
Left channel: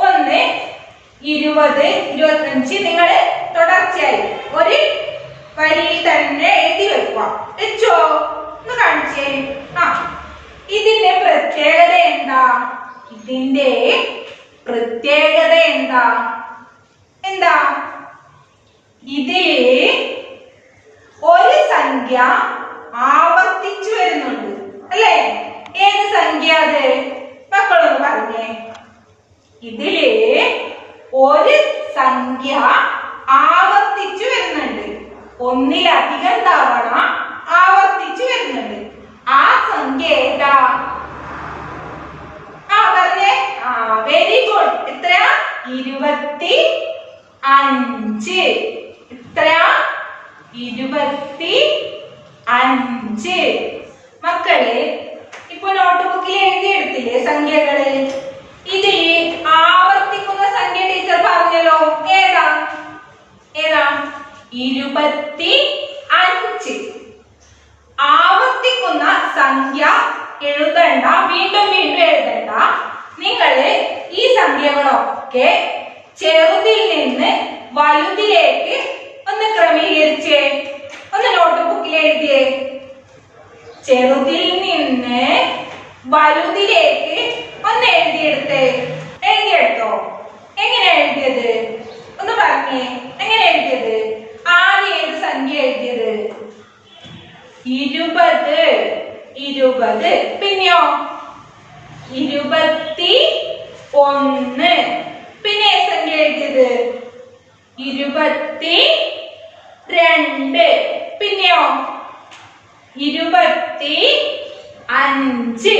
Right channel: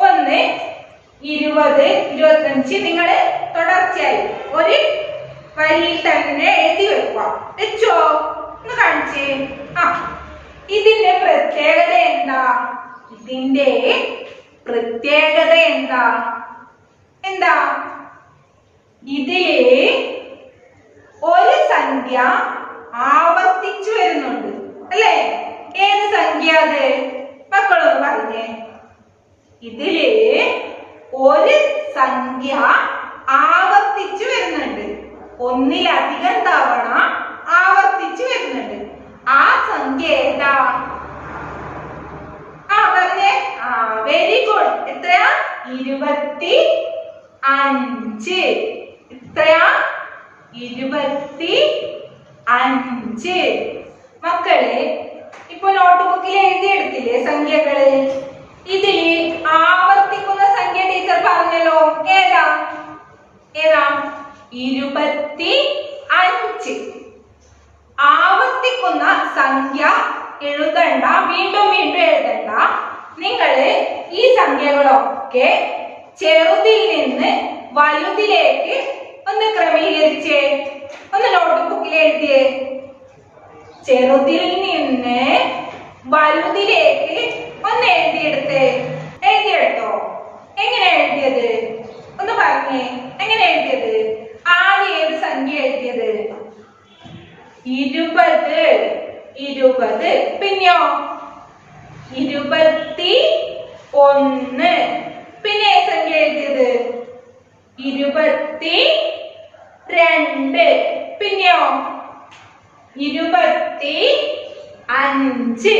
1, 20, 25 നിങ്ങൾ തുടർച്ചയായി ഒരു വരിയിൽ തന്നെ എഴുതി വെക്കുക. വെച്ചോ? ഒന്ന് കാണിച്ചേ. ഇതിന്റെ പ്രത്യേകത എന്താ? ഇതിന്റെ പ്രത്യേകത എന്താ? എന്താ? ഇതില് ഒരു സംഖ്യ ആവർത്തിച്ചു വരുന്നുണ്ട് അല്ലേ? ഏത് സംഖ്യ അത്? മക്കളൊന്ന് പറഞ്ഞേ. ഇതില് ഒരു സംഖ്യ ആവർത്തിച്ചു വരുന്നുണ്ട്. ഒന്നിലധികം തവണ ആവർത്തിച്ചു വരുന്നുണ്ട്. ആ സംഖ്യ ഏതാ? പറഞ്ഞേ. Very good. എത്രയാ? 25. എത്രയാ? 25. മക്കള് ഇപ്പൊ നോട്ട് ബുക്കിൽ എഴുതിയെടുത്തില്ലേ സംഖ്യകള്? ഇതിൽ ആവർത്തിക്കുന്ന സംഖ്യ ടീച്ചർ പറഞ്ഞല്ലോ. ഏതാ? 25. ആവർത്തിക്കുന്ന സംഖ്യ എഴുതണ്ട, വീണ്ടും വീണ്ടും എഴുതണ്ട. നിങ്ങള് ഈ സംഖ്യകളൊക്കെ ചെറുതിൽ നിന്ന് വലുതിലേക്ക് ഒന്ന് ക്രമീകരിച്ചേ. ഒന്ന് നോട്ട്ബുക്കിൽ എഴുതിയേ. ചെറുതിൽ നിന്ന് വലുതിലേക്ക് ഒന്ന് എഴുതിയെടുത്തേ. എഴുതിയെടുത്തോ? എങ്ങനെ എഴുതിയത് ഒന്ന് പറഞ്ഞേ. എങ്ങനെ എഴുതിയത്? ആദ്യം ഏത് സംഖ്യ എഴുതിയത്? 20. 20. പിന്നെയോ 21. പിന്നെ ഏത് സംഖ്യ എഴുതിയത്? 22. പിന്നെയോ 25.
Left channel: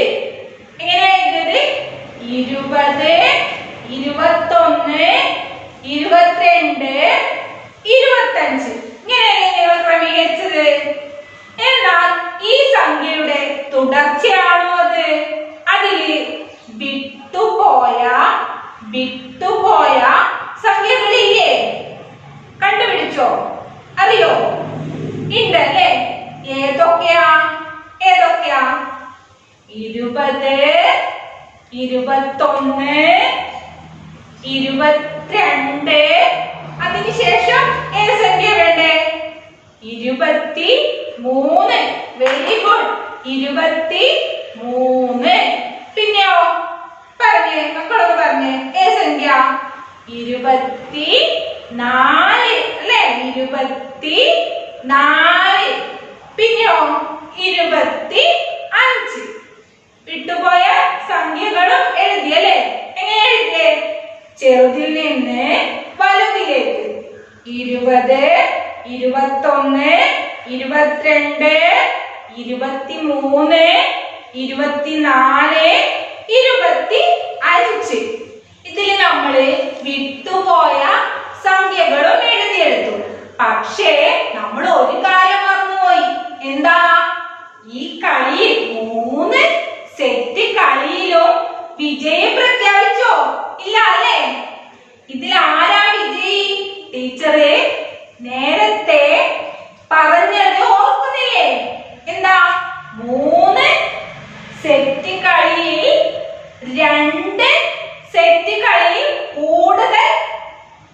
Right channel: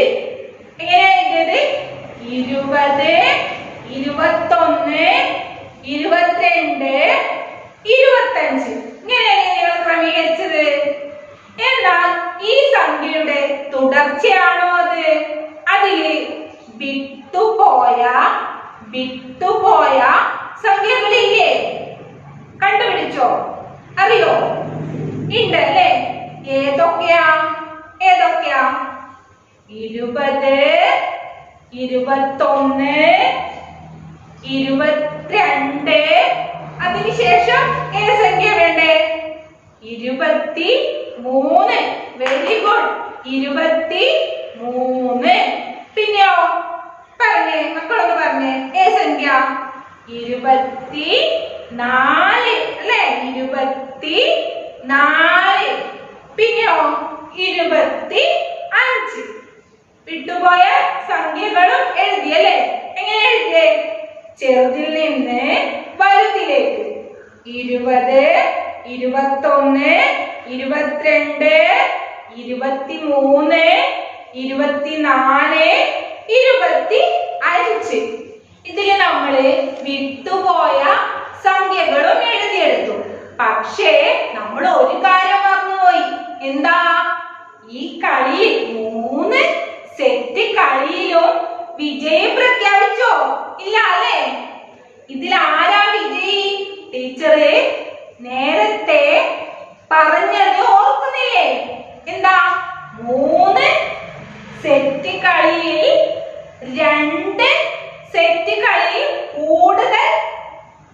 എങ്ങനെ എഴുതിയത്? 20, 21, 22, 25. ഇങ്ങനെയാണ് ക്രമീകരിച്ചത്. എന്നാൽ ഈ സംഖ്യയുടെ തുടർച്ചയാണോ അത്? അതില് വിട്ടുപോയ സംഖ്യകളില്ലേ? കണ്ടുപിടിച്ചോ? അറിയോ? ഉണ്ടല്ലേ. ഏതൊക്കെയാ? 20, 21, 22. അതിനുശേഷം ഏത് സംഖ്യ വേണ്ടേ? 23. Very good. 23. പിന്നെയോ പറഞ്ഞേ, മക്കളൊക്കെ പറഞ്ഞേ. ഏത് സംഖ്യ? 24 അല്ലേ? 24. പിന്നെയോ 25. വിട്ടുപോയ സംഖ്യകളും എഴുതിയല്ലേ? എങ്ങനെ എഴുതിയേ? ചെറുതിൽ നിന്ന് വലുതിലേക്ക്. 20, 21, 22, 23, 24, 25. ഇതില് നമ്മള് വിട്ടുപോയ സംഖ്യകളും എഴുതിയെടുത്തു. പക്ഷേ നമ്മൾ ഒരു കാര്യം മറന്നുപോയി. എന്താ? ഈ കളിയിൽ 3 സെറ്റ് കളിയിലും വിജയം പ്രഖ്യാപിച്ചോ? ഇല്ല അല്ലേ? ഇതിൽ ആരാ വിജയി? ടീച്ചറെ നേരത്തെ പറഞ്ഞത് ഓർക്കുന്നില്ലേ? എന്താ? 3 സെറ്റ് കളിയിൽ 2 സെറ്റ് കളിയിൽ കൂടുതൽ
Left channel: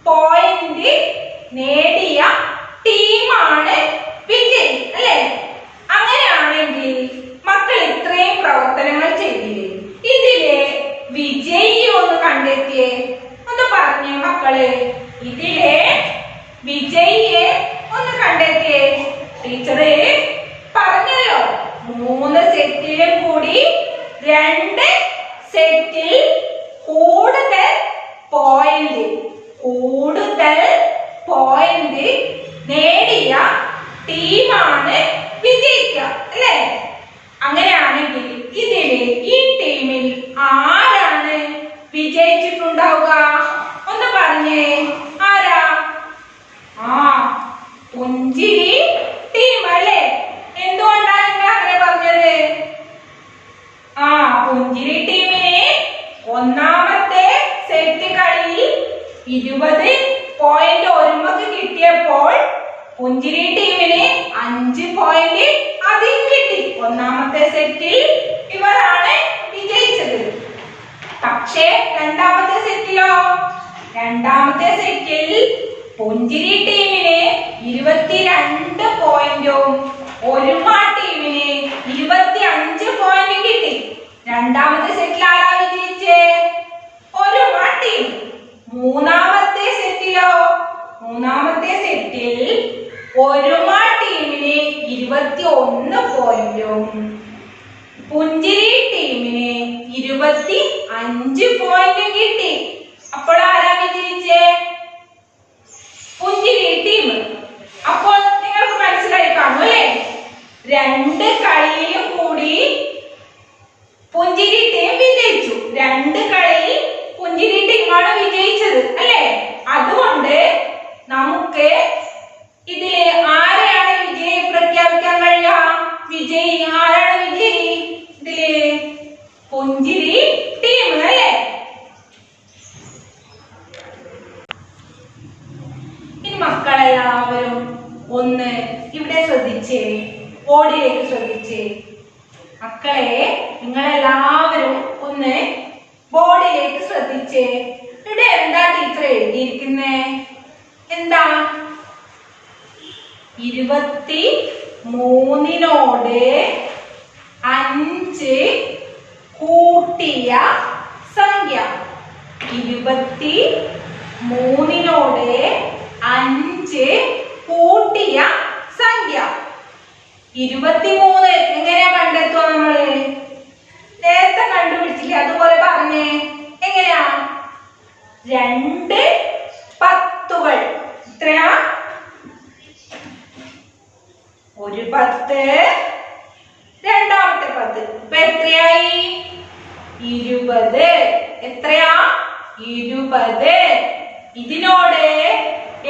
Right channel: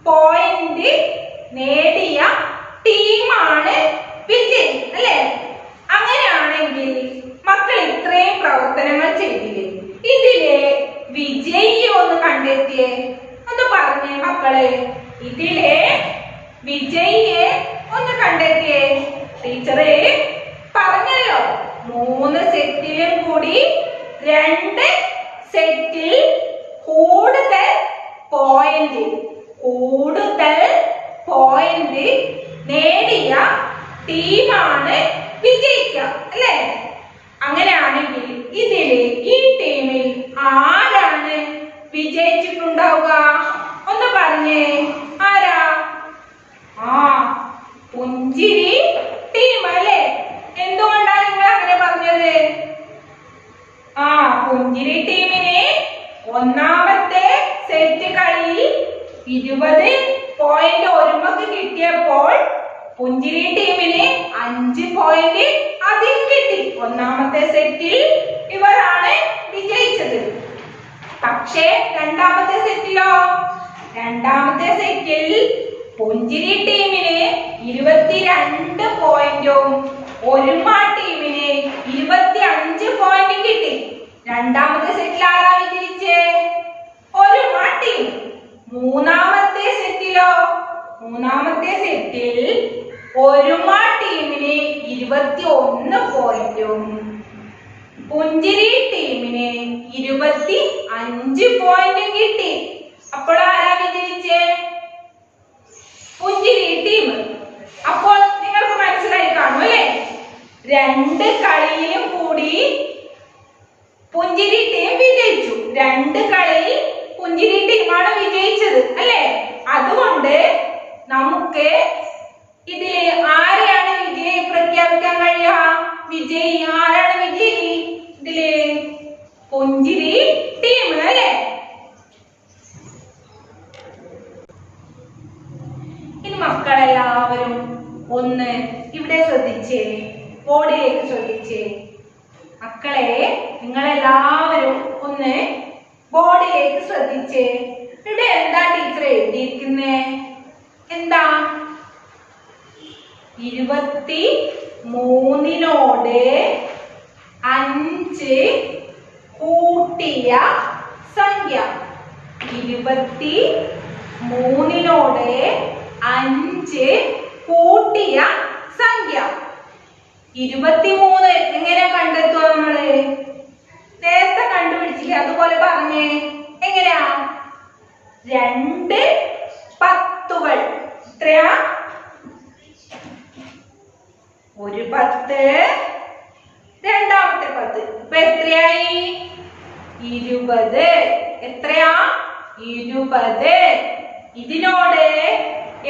പോയിന്റ് നേടിയ ടീമാണ് വിജയി അല്ലേ? അങ്ങനെയാണെങ്കിൽ മക്കൾ ഇത്രയും പ്രവർത്തനങ്ങൾ ചെയ്തില്ലേ? ഇതിലെ വിജയി ഒന്ന് കണ്ടെത്തിയേ. ഒന്ന് പറഞ്ഞേ മക്കള്. ഇതിലെ വിജയിയെ ഒന്ന് കണ്ടെത്തിയേ. ടീച്ചറെ പറഞ്ഞല്ലോ 3 സെറ്റിലും കൂടി 2 സെറ്റിൽ കൂടുതൽ പോയിന്റ് നേടിയ ടീമാണ് വിജയിക്കുക അല്ലേ? അങ്ങനെയാണെങ്കിൽ ഇതില് ഈ ടീമിൽ ആരാണ് വിജയിച്ചിട്ടുണ്ടാവുക? ഒന്ന് പറഞ്ഞേ. ആരാ? പുഞ്ചിരി ടീം അല്ലേ? എന്തുകൊണ്ടാണ് നിങ്ങൾ അങ്ങനെ പറഞ്ഞത്? പുഞ്ചിരി ടീമിന് ഒന്നാമത്തെ സെറ്റ് കളിയിൽ 20 പോയിന്റ് ഒരുമക്ക് കിട്ടിയപ്പോൾ പുഞ്ചിരി ടീമിന് 5 പോയിന്റ് അധികം കിട്ടി. ഒന്നാമത്തെ സെറ്റിൽ ഇവരാണ് വിജയിച്ചത്. പക്ഷേ രണ്ടാമത്തെ സെറ്റിലോ? രണ്ടാമത്തെ സെറ്റിൽ പുഞ്ചിരി ടീമിന് 22 പോയിന്റും ഒരുമ ടീമിന് 25 പോയിന്റും കിട്ടി. രണ്ടാമത്തെ സെറ്റിൽ ആരാ വിജയിച്ചേ? ഒരുമ ടീം. മൂന്നാമത്തെ സെറ്റിലോ? മൂന്നാമത്തെ സെറ്റിൽ ഒരുമ ടീമിന് 21 പോയിന്റും പുഞ്ചിരി ടീമിന് 25 പോയിന്റും കിട്ടി. അപ്പോൾ ആരാ വിജയിച്ചേ? പുഞ്ചിരി ടീം. അപ്പോൾ നിങ്ങൾക്ക് മനസ്സിലായി കാണും അല്ലേ? 2 കളിയിലും കൂടി പുഞ്ചിരി ടീം വിജയിച്ചു. 2 കളിയിൽ പുഞ്ചിരി ടീമാണ് വിജയിച്ചത് അല്ലേ? അതുകൊണ്ട് നമുക്ക് ഇതിലെ ആരെയാണ് വിജയി പ്രഖ്യാപിക്കാൻ കഴിയുക? വിജയി ആരാണ് വിജയി? ഇതിലെ പുഞ്ചിരി ടീം അല്ലേ? ഇനി മക്കളെല്ലാവരും ഒന്ന് ഇവിടെ ശ്രദ്ധിച്ചേ. ബോർഡിലേക്ക് ശ്രദ്ധിച്ചേ. മക്കളെ നിങ്ങളെല്ലാവരും ഒന്ന് ബോർഡിലേക്ക് ശ്രദ്ധിച്ചേ. ഇവിടെ എന്താ ടീച്ചർ എഴുതി എഴുതിയിരിക്കുന്നേ? എന്താ? 23 5 കൂട്ടിയ സംഖ്യ. 23 5 കൂട്ടിയ സംഖ്യ. 23 എങ്ങനെയാ കണ്ടെത്തുക? നമ്മള് നേരത്തെ കണ്ടുപിടിച്ചില്ലേ? അതുപോലെ പറഞ്ഞേ. എങ്ങനെയാ? 2 പത്തുകൾ. എത്രയാ? ഒരു 10, രണ്ടാമത്തെ 10. ഇപ്പൊ എത്രയായി? 20. എത്രയാ? 20. ഇതിനോട്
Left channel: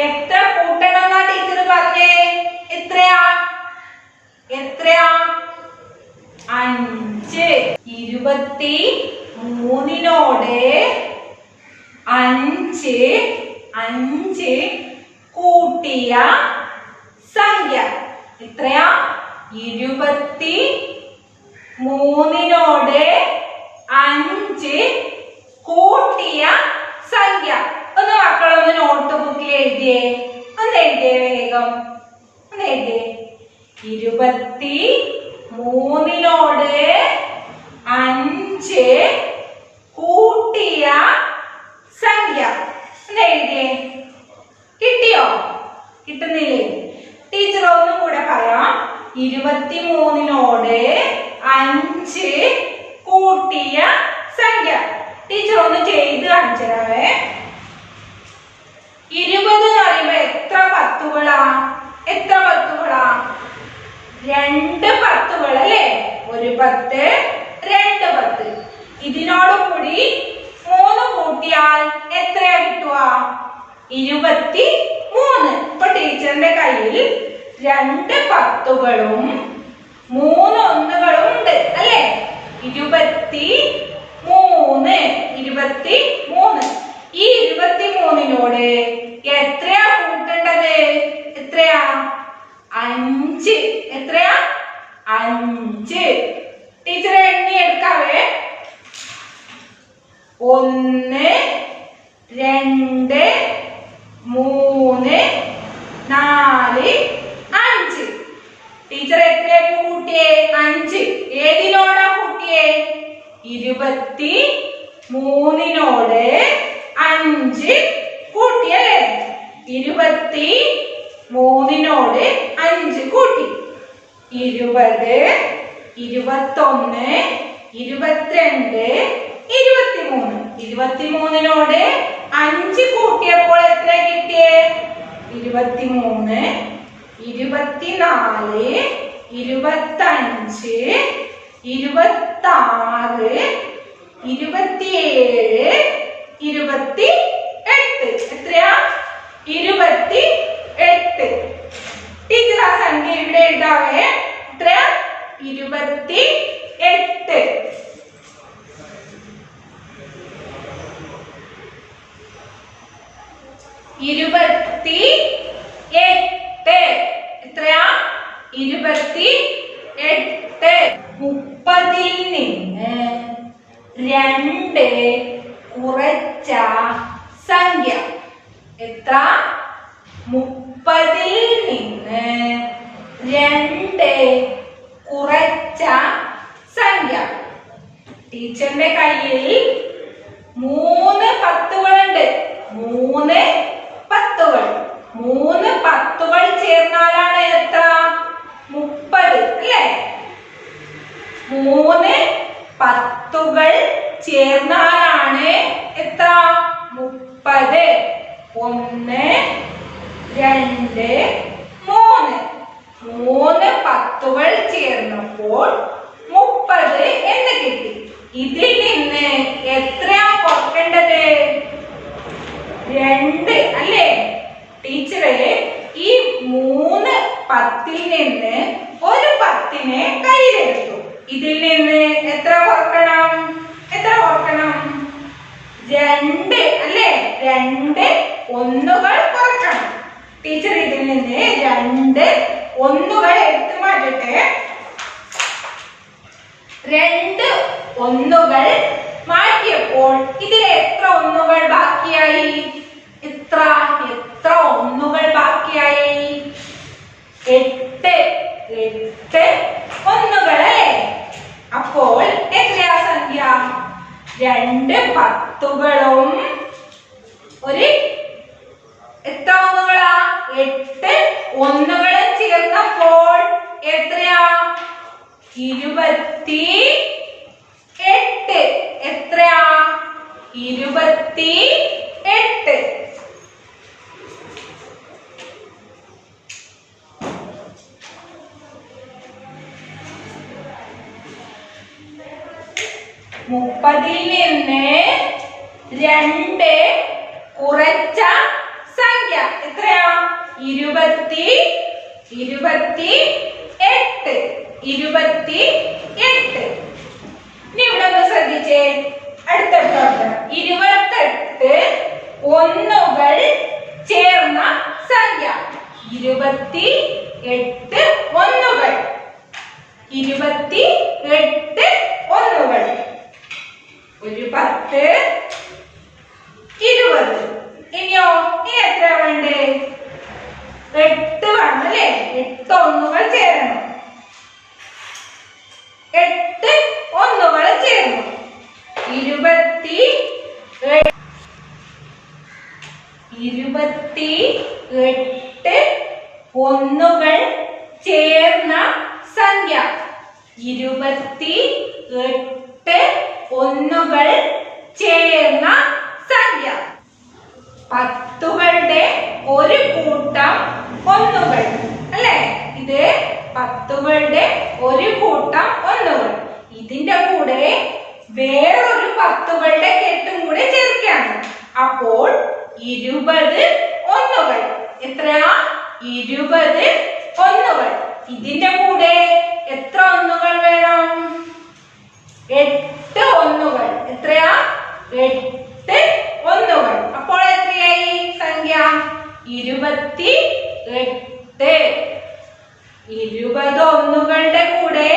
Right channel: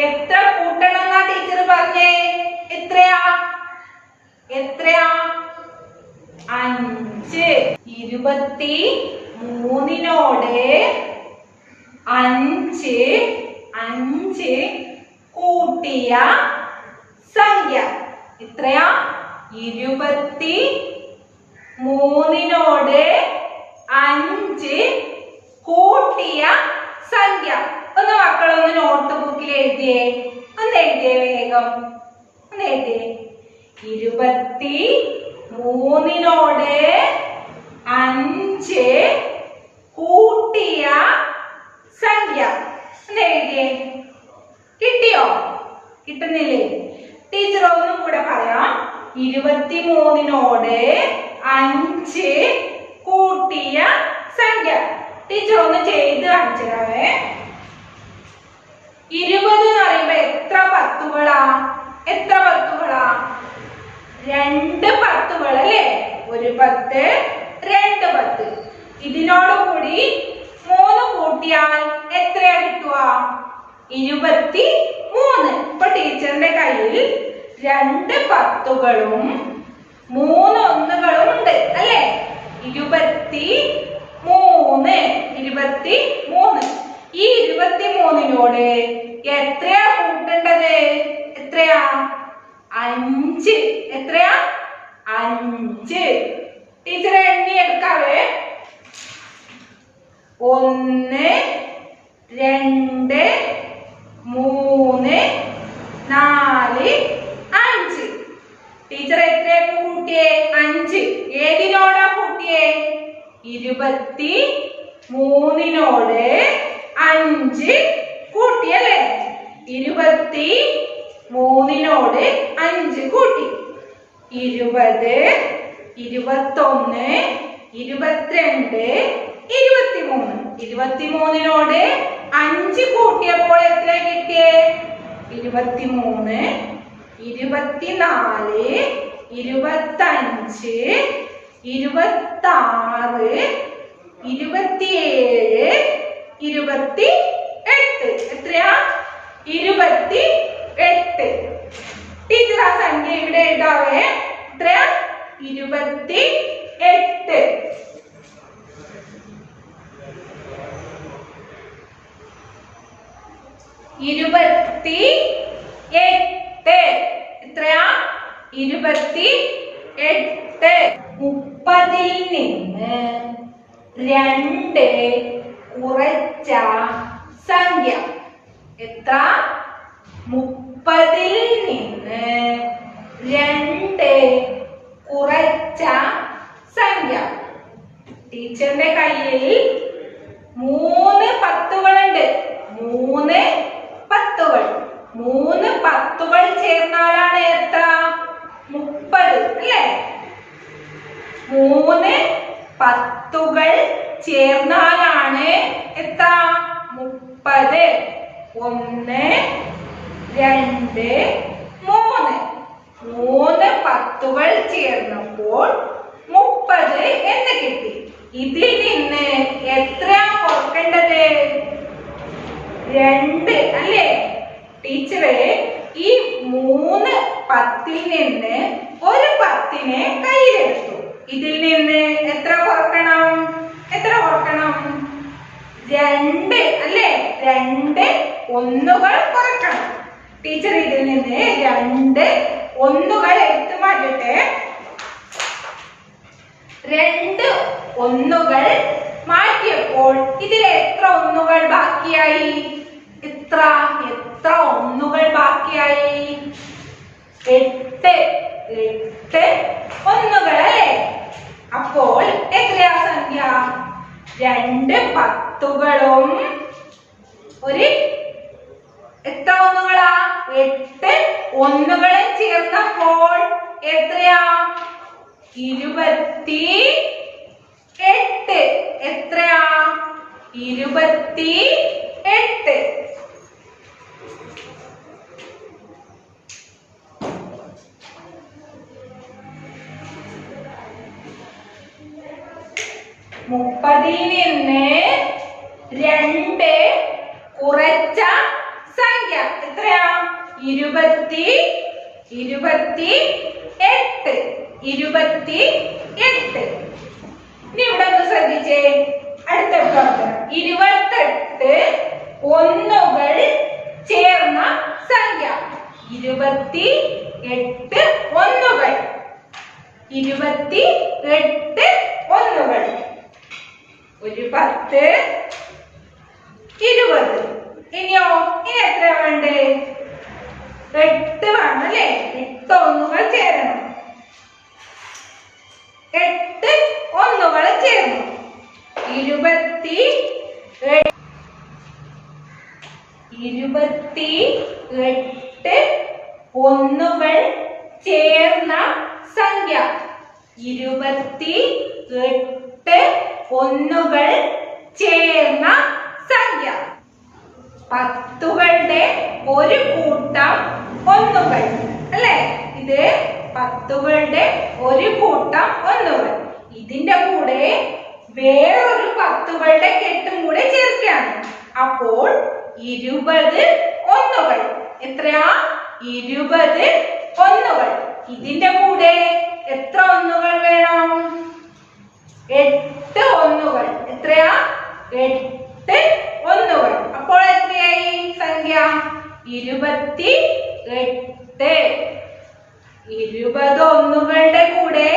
എത്ര കൂട്ടണം എന്നാ ടീച്ചർ പറഞ്ഞേ? എത്രയാ? 5. 23നോട് 5 കൂട്ടിയ സംഖ്യ എത്രയാ? 23നോട് 5 കൂട്ടിയ സംഖ്യ. ഒന്ന് മക്കളൊന്ന് നോട്ട് ബുക്കിൽ എഴുതിയേ. ഒന്ന് എഴുതിയേ വേഗം. ഒന്ന് എഴുതിയേ. 23നോട് 5 കൂട്ടിയ സംഖ്യ. ഒന്ന് എഴുതിയേ. കിട്ടിയോ? കിട്ടുന്നില്ലേ? ടീച്ചർ ഒന്നും കൂടെ പറയാം. 23നോട് 5 കൂട്ടിയ സംഖ്യ. ടീച്ചർ ഒന്ന് ചെയ്ത് കാണിച്ചു തരാവേ. 20 എന്ന് പറയുമ്പോ എത്ര പത്തുകളാ? എത്ര പത്തുകളാ? 2 പത്തുകൾ അല്ലേ? ഒരു 10, 2 10. ഇതിനോട് കൂടി 3 കൂട്ടിയാൽ എത്രയാ കിട്ടുക? 23. ഇപ്പൊ ടീച്ചറിന്റെ കയ്യിൽ 2 പത്തുകളും 3 ഒന്നുകളും ഉണ്ട് അല്ലേ? 23. ഈ 23നോട് എത്രയാ കൂട്ടേണ്ടത്? എത്രയാ? 5. എത്രയാ? 5. ടീച്ചർ എണ്ണി എടുക്കാവേ. 1 2 3 4 5. ടീച്ചർ എത്രയായിരുന്നു കൂട്ടിയേ? 5. ഏതിനോടാ കൂട്ടിയേ? 23നോട് 5 കൂട്ടിയല്ലേ? 23നോട് 5 കൂട്ടി. 20 21 22 23. 23നോട് 5 കൂട്ടിയപ്പോൾ എത്ര കിട്ടിയേ? 23 24 25 26 27 28. എത്രയാ? 28. ടീച്ചർ ആ സംഖ്യ ഇവിടെ എഴുതാവേ. എത്രയാ? 28. 28. എത്രയാ? 28. 30ൽ നിന്ന് 2 കുറച്ച സംഖ്യ. എത്ര? 30ൽ നിന്ന് 2 കുറച്ച സംഖ്യ. ടീച്ചറിന്റെ കയ്യിൽ 3 പത്തുകളുണ്ട്. 3 പത്തുകൾ. 3 പത്തുകൾ ചേർന്നാലാണ് എത്ര? 30 അല്ലേ? 3 പത്തുകൾ ചേർന്നാലാണ് എത്ര? 30. 1 2 3. 3 പത്തുകൾ ചേർന്നപ്പോൾ 30 എന്ന് കിട്ടി. ഇതിൽ നിന്ന് എത്രയാ കുറക്കേണ്ടത്? 2 അല്ലേ? ടീച്ചറെ ഈ 3 10ൽ നിന്ന് ഒരു 10നെ കയ്യിലെടുത്തു. ഇതിൽ നിന്ന് എത്ര കുറക്കണം? 2 അല്ലേ? 2 ഒന്നുകൾ കുറക്കണം. ടീച്ചർ ഇതിൽ നിന്ന് 2 ഒന്നുകൾ എടുത്തു മാറ്റട്ടെ. 2 ഒന്നുകൾ മാറ്റിയപ്പോൾ ഇതിൽ എത്ര ഒന്നുകൾ ബാക്കിയായി? എത്ര എത്ര ഒന്നുകൾ ബാക്കിയായി? 8 8 ഒന്നുകൾ അല്ലേ? അപ്പോൾ എത്രയാ സംഖ്യ? 2 പത്തുകളും ഒരു എത്ര ഒന്നുകളാ? 8 ഒന്നുകളും ചേർന്നപ്പോൾ എത്രയാ? 28. എത്രയാ? 28. മുപ്പതിൽ നിന്ന് 2 കുറച്ച സംഖ്യ എത്രയാ? 28. 28. ഇനി ഇവിടെ ഒന്ന് ശ്രദ്ധിച്ചേ. അടുത്ത പ്രവർത്തനം 28 ഒന്നുകൾ ചേർന്ന സംഖ്യ. 28 ഒന്നുകൾ. 28 ഒന്നുകൾ. ഒരു 10 20. ഇനിയോ? ഇനി എത്ര വേണ്ടേ? 8 വേണം അല്ലേ? 8 ഒന്നുകൾ ചേരണം. 8 ഒന്നുകൾ ചേർന്നു. 28 ഒന്നുകൾ ചേർന്ന സംഖ്യ. 28 ഒന്നുകൾ ചേർന്ന സംഖ്യ. പത്തുകളുടെ ഒരു കൂട്ടം ഒന്നുകൾ അല്ലേ? ഇത് പത്തുകളുടെ ഒരു കൂട്ടം ഒന്നുകൾ. ഇതിന്റെ കൂടെ വേറൊരു പത്തുകളുടെ കെട്ടും കൂടെ ചേർക്കുകയാണ്. അപ്പോൾ 20 ഒന്നുകൾ. എത്രയാ? 20 ഒന്നുകൾ. ഇതിന്റെ കൂടെ എത്ര ഒന്നുകൾ വേണം? 8 ഒന്നുകൾ. എത്രയാ? 8 ഒന്നുകൾ. അപ്പോൾ എത്രയായി സംഖ്യ? 28. 20 ഒന്നുകളുടെ കൂടെ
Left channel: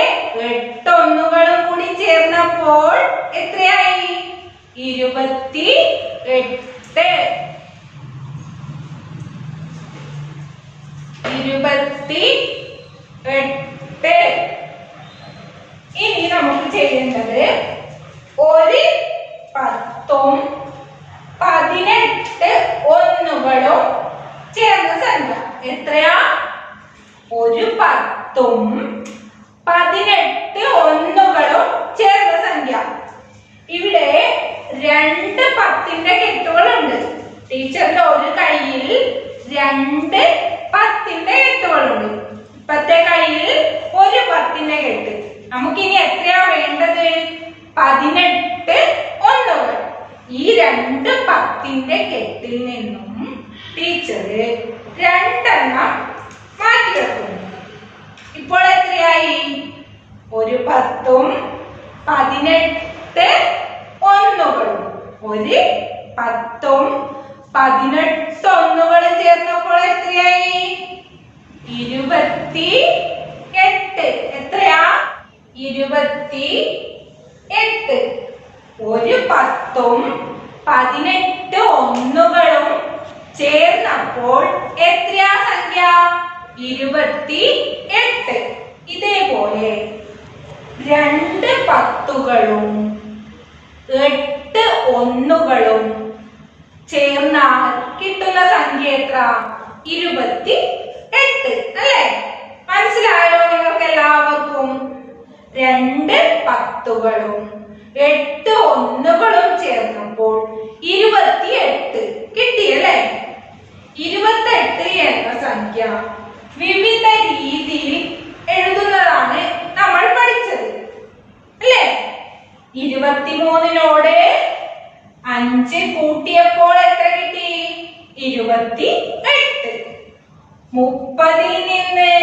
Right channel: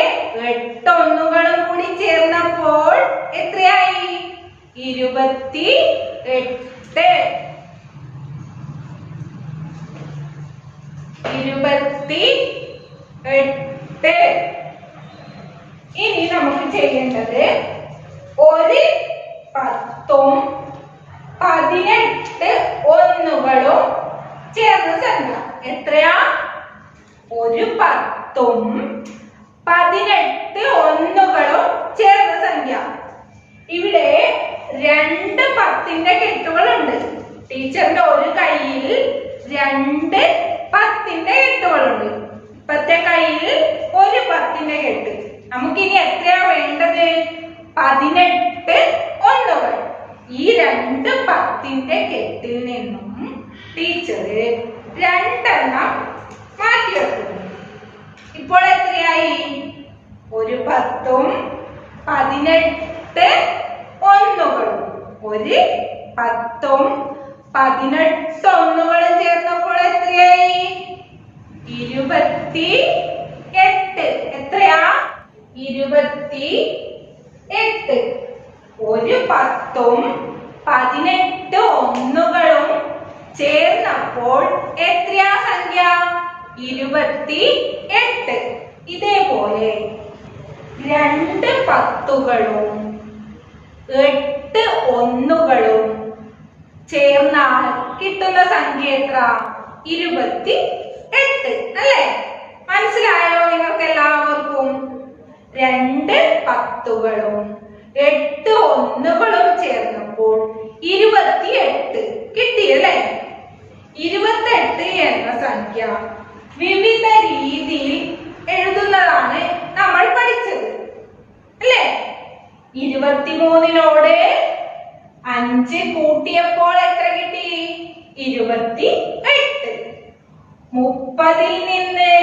8 ഒന്നുകളും കൂടി ചേർന്നപ്പോൾ എത്രയായി? 28. 28. ഇനി നമുക്ക് ചെയ്യേണ്ടത് ഒരു 10ഉം 18 ഒന്നുകളും ചേർന്ന സംഖ്യ. എത്രയാ? ഒരു 10ഉം 18 ഒന്നുകളും ചേർന്ന സംഖ്യ. ഇവിടെ 2 10ന്റെ കെട്ടുകളുണ്ട്. ടീച്ചറിന്റെ ഒരു കയ്യിൽ 2 10ന്റെ കെട്ടുകളുണ്ട്. ഇപ്പത്തെ കയ്യിൽ ഒരു 10ന്റെ കെട്ട്. നമുക്കിനി എത്രയാ വേണ്ടത്? 18 ഒന്നുകൾ. ഈ 2 10ന്റെ കെട്ടിൽ നിന്നും ടീച്ചർ 2 മാറ്റി വെക്കുന്നു. ഇപ്പോൾ എത്രയായി? ഒരു 10ഉം 18 ഒന്നുകളും. ഒരു 10ഉം 18 ഒന്നുകളും ചേർന്നപ്പോൾ എത്രയായി? 28. എത്രയാ? 28. ഒരു 10ഉം 18 ഒന്നുകളും ചേർന്നപ്പോൾ എത്രയാ സംഖ്യ? 28. ഇതേപോലെ 2 പത്തുകളും 8 ഒന്നുകളും ചേർന്നാൽ കിട്ടുന്ന സംഖ്യ എത്ര? 28 അല്ലേ? മനസ്സിലായോ നിങ്ങൾക്ക് എല്ലാവർക്കും? 2 പത്തുകളും 8 ഒന്നുകളും ചേർന്നപ്പോൾ 28 കിട്ടിയല്ലേ? 28 എന്ന സംഖ്യ വിവിധ രീതിയിൽ എഴുതുന്നതാണ് നമ്മൾ പഠിച്ചത് അല്ലേ? 23നോട് 5 കൂട്ടിയപ്പോൾ എത്ര കിട്ടി? 28. 30ൽ നിന്ന്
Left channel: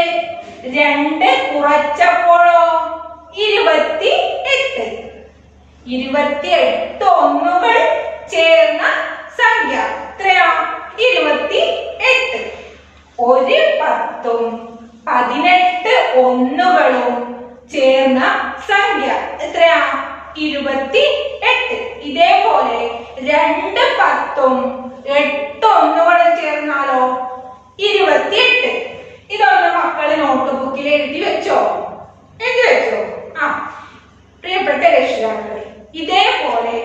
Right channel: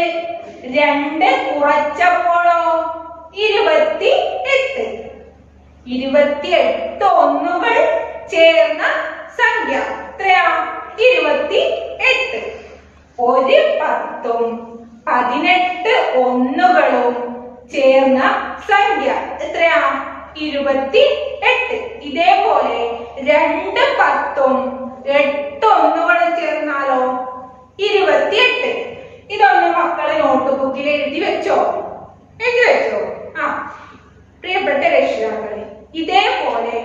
2 കുറച്ചപ്പോഴോ? 28. 28 ഒന്നുകൾ ചേർന്ന സംഖ്യ എത്രയാ? 28. ഒരു 10ഉം 18 ഒന്നുകളും ചേർന്ന സംഖ്യ എത്രയാ? 28. ഇതേപോലെ 2 10ഉം 8 ഒന്നുകളും 28. ഇതൊന്ന് മക്കളെ നോട്ട് ബുക്കിൽ എഴുതി വെച്ചോ? എഴുതി വെച്ചോ? ആ പ്രിയപ്പെട്ട രക്ഷിതാക്കളെ, ഇതേപോലെ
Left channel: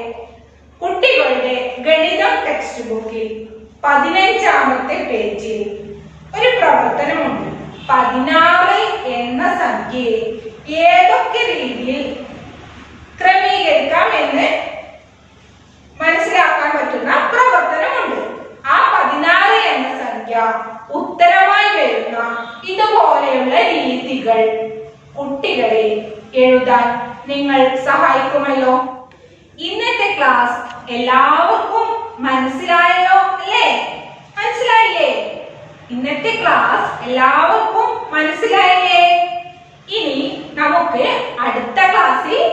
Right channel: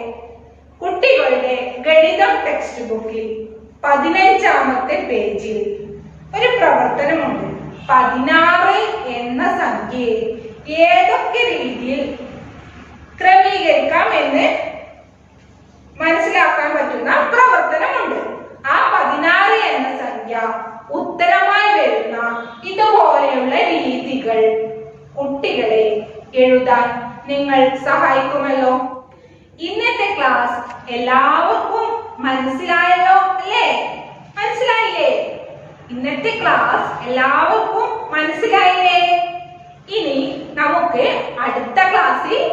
കുട്ടികളുടെ ഗണിതം ടെക്സ്റ്റ് ബുക്കിൽ 15-ാമത്തെ പേജിൽ ഒരു പ്രവർത്തനമുണ്ട്. 16 എന്ന സംഖ്യയെ ഏതൊക്കെ രീതിയിൽ ക്രമീകരിക്കാം എന്ന് മനസ്സിലാക്കാൻ പറ്റുന്ന പ്രവർത്തനമുണ്ട്. ആ 16 എന്ന സംഖ്യ ഉത്തരമായി വരുന്ന ഇതുപോലെയുള്ള രീതികൾ കുട്ടികളെ എഴുതാൻ നിങ്ങൾ സഹായിക്കുമല്ലോ. ഇന്നത്തെ ക്ലാസ് എല്ലാവർക്കും മനസ്സിലായല്ലോ അല്ലേ? മനസ്സിലായില്ലേ? ഇന്നത്തെ ക്ലാസ് എല്ലാവർക്കും മനസ്സിലായില്ലേ? ഇനി നമുക്ക് അടുത്ത ക്ലാസ്സിൽ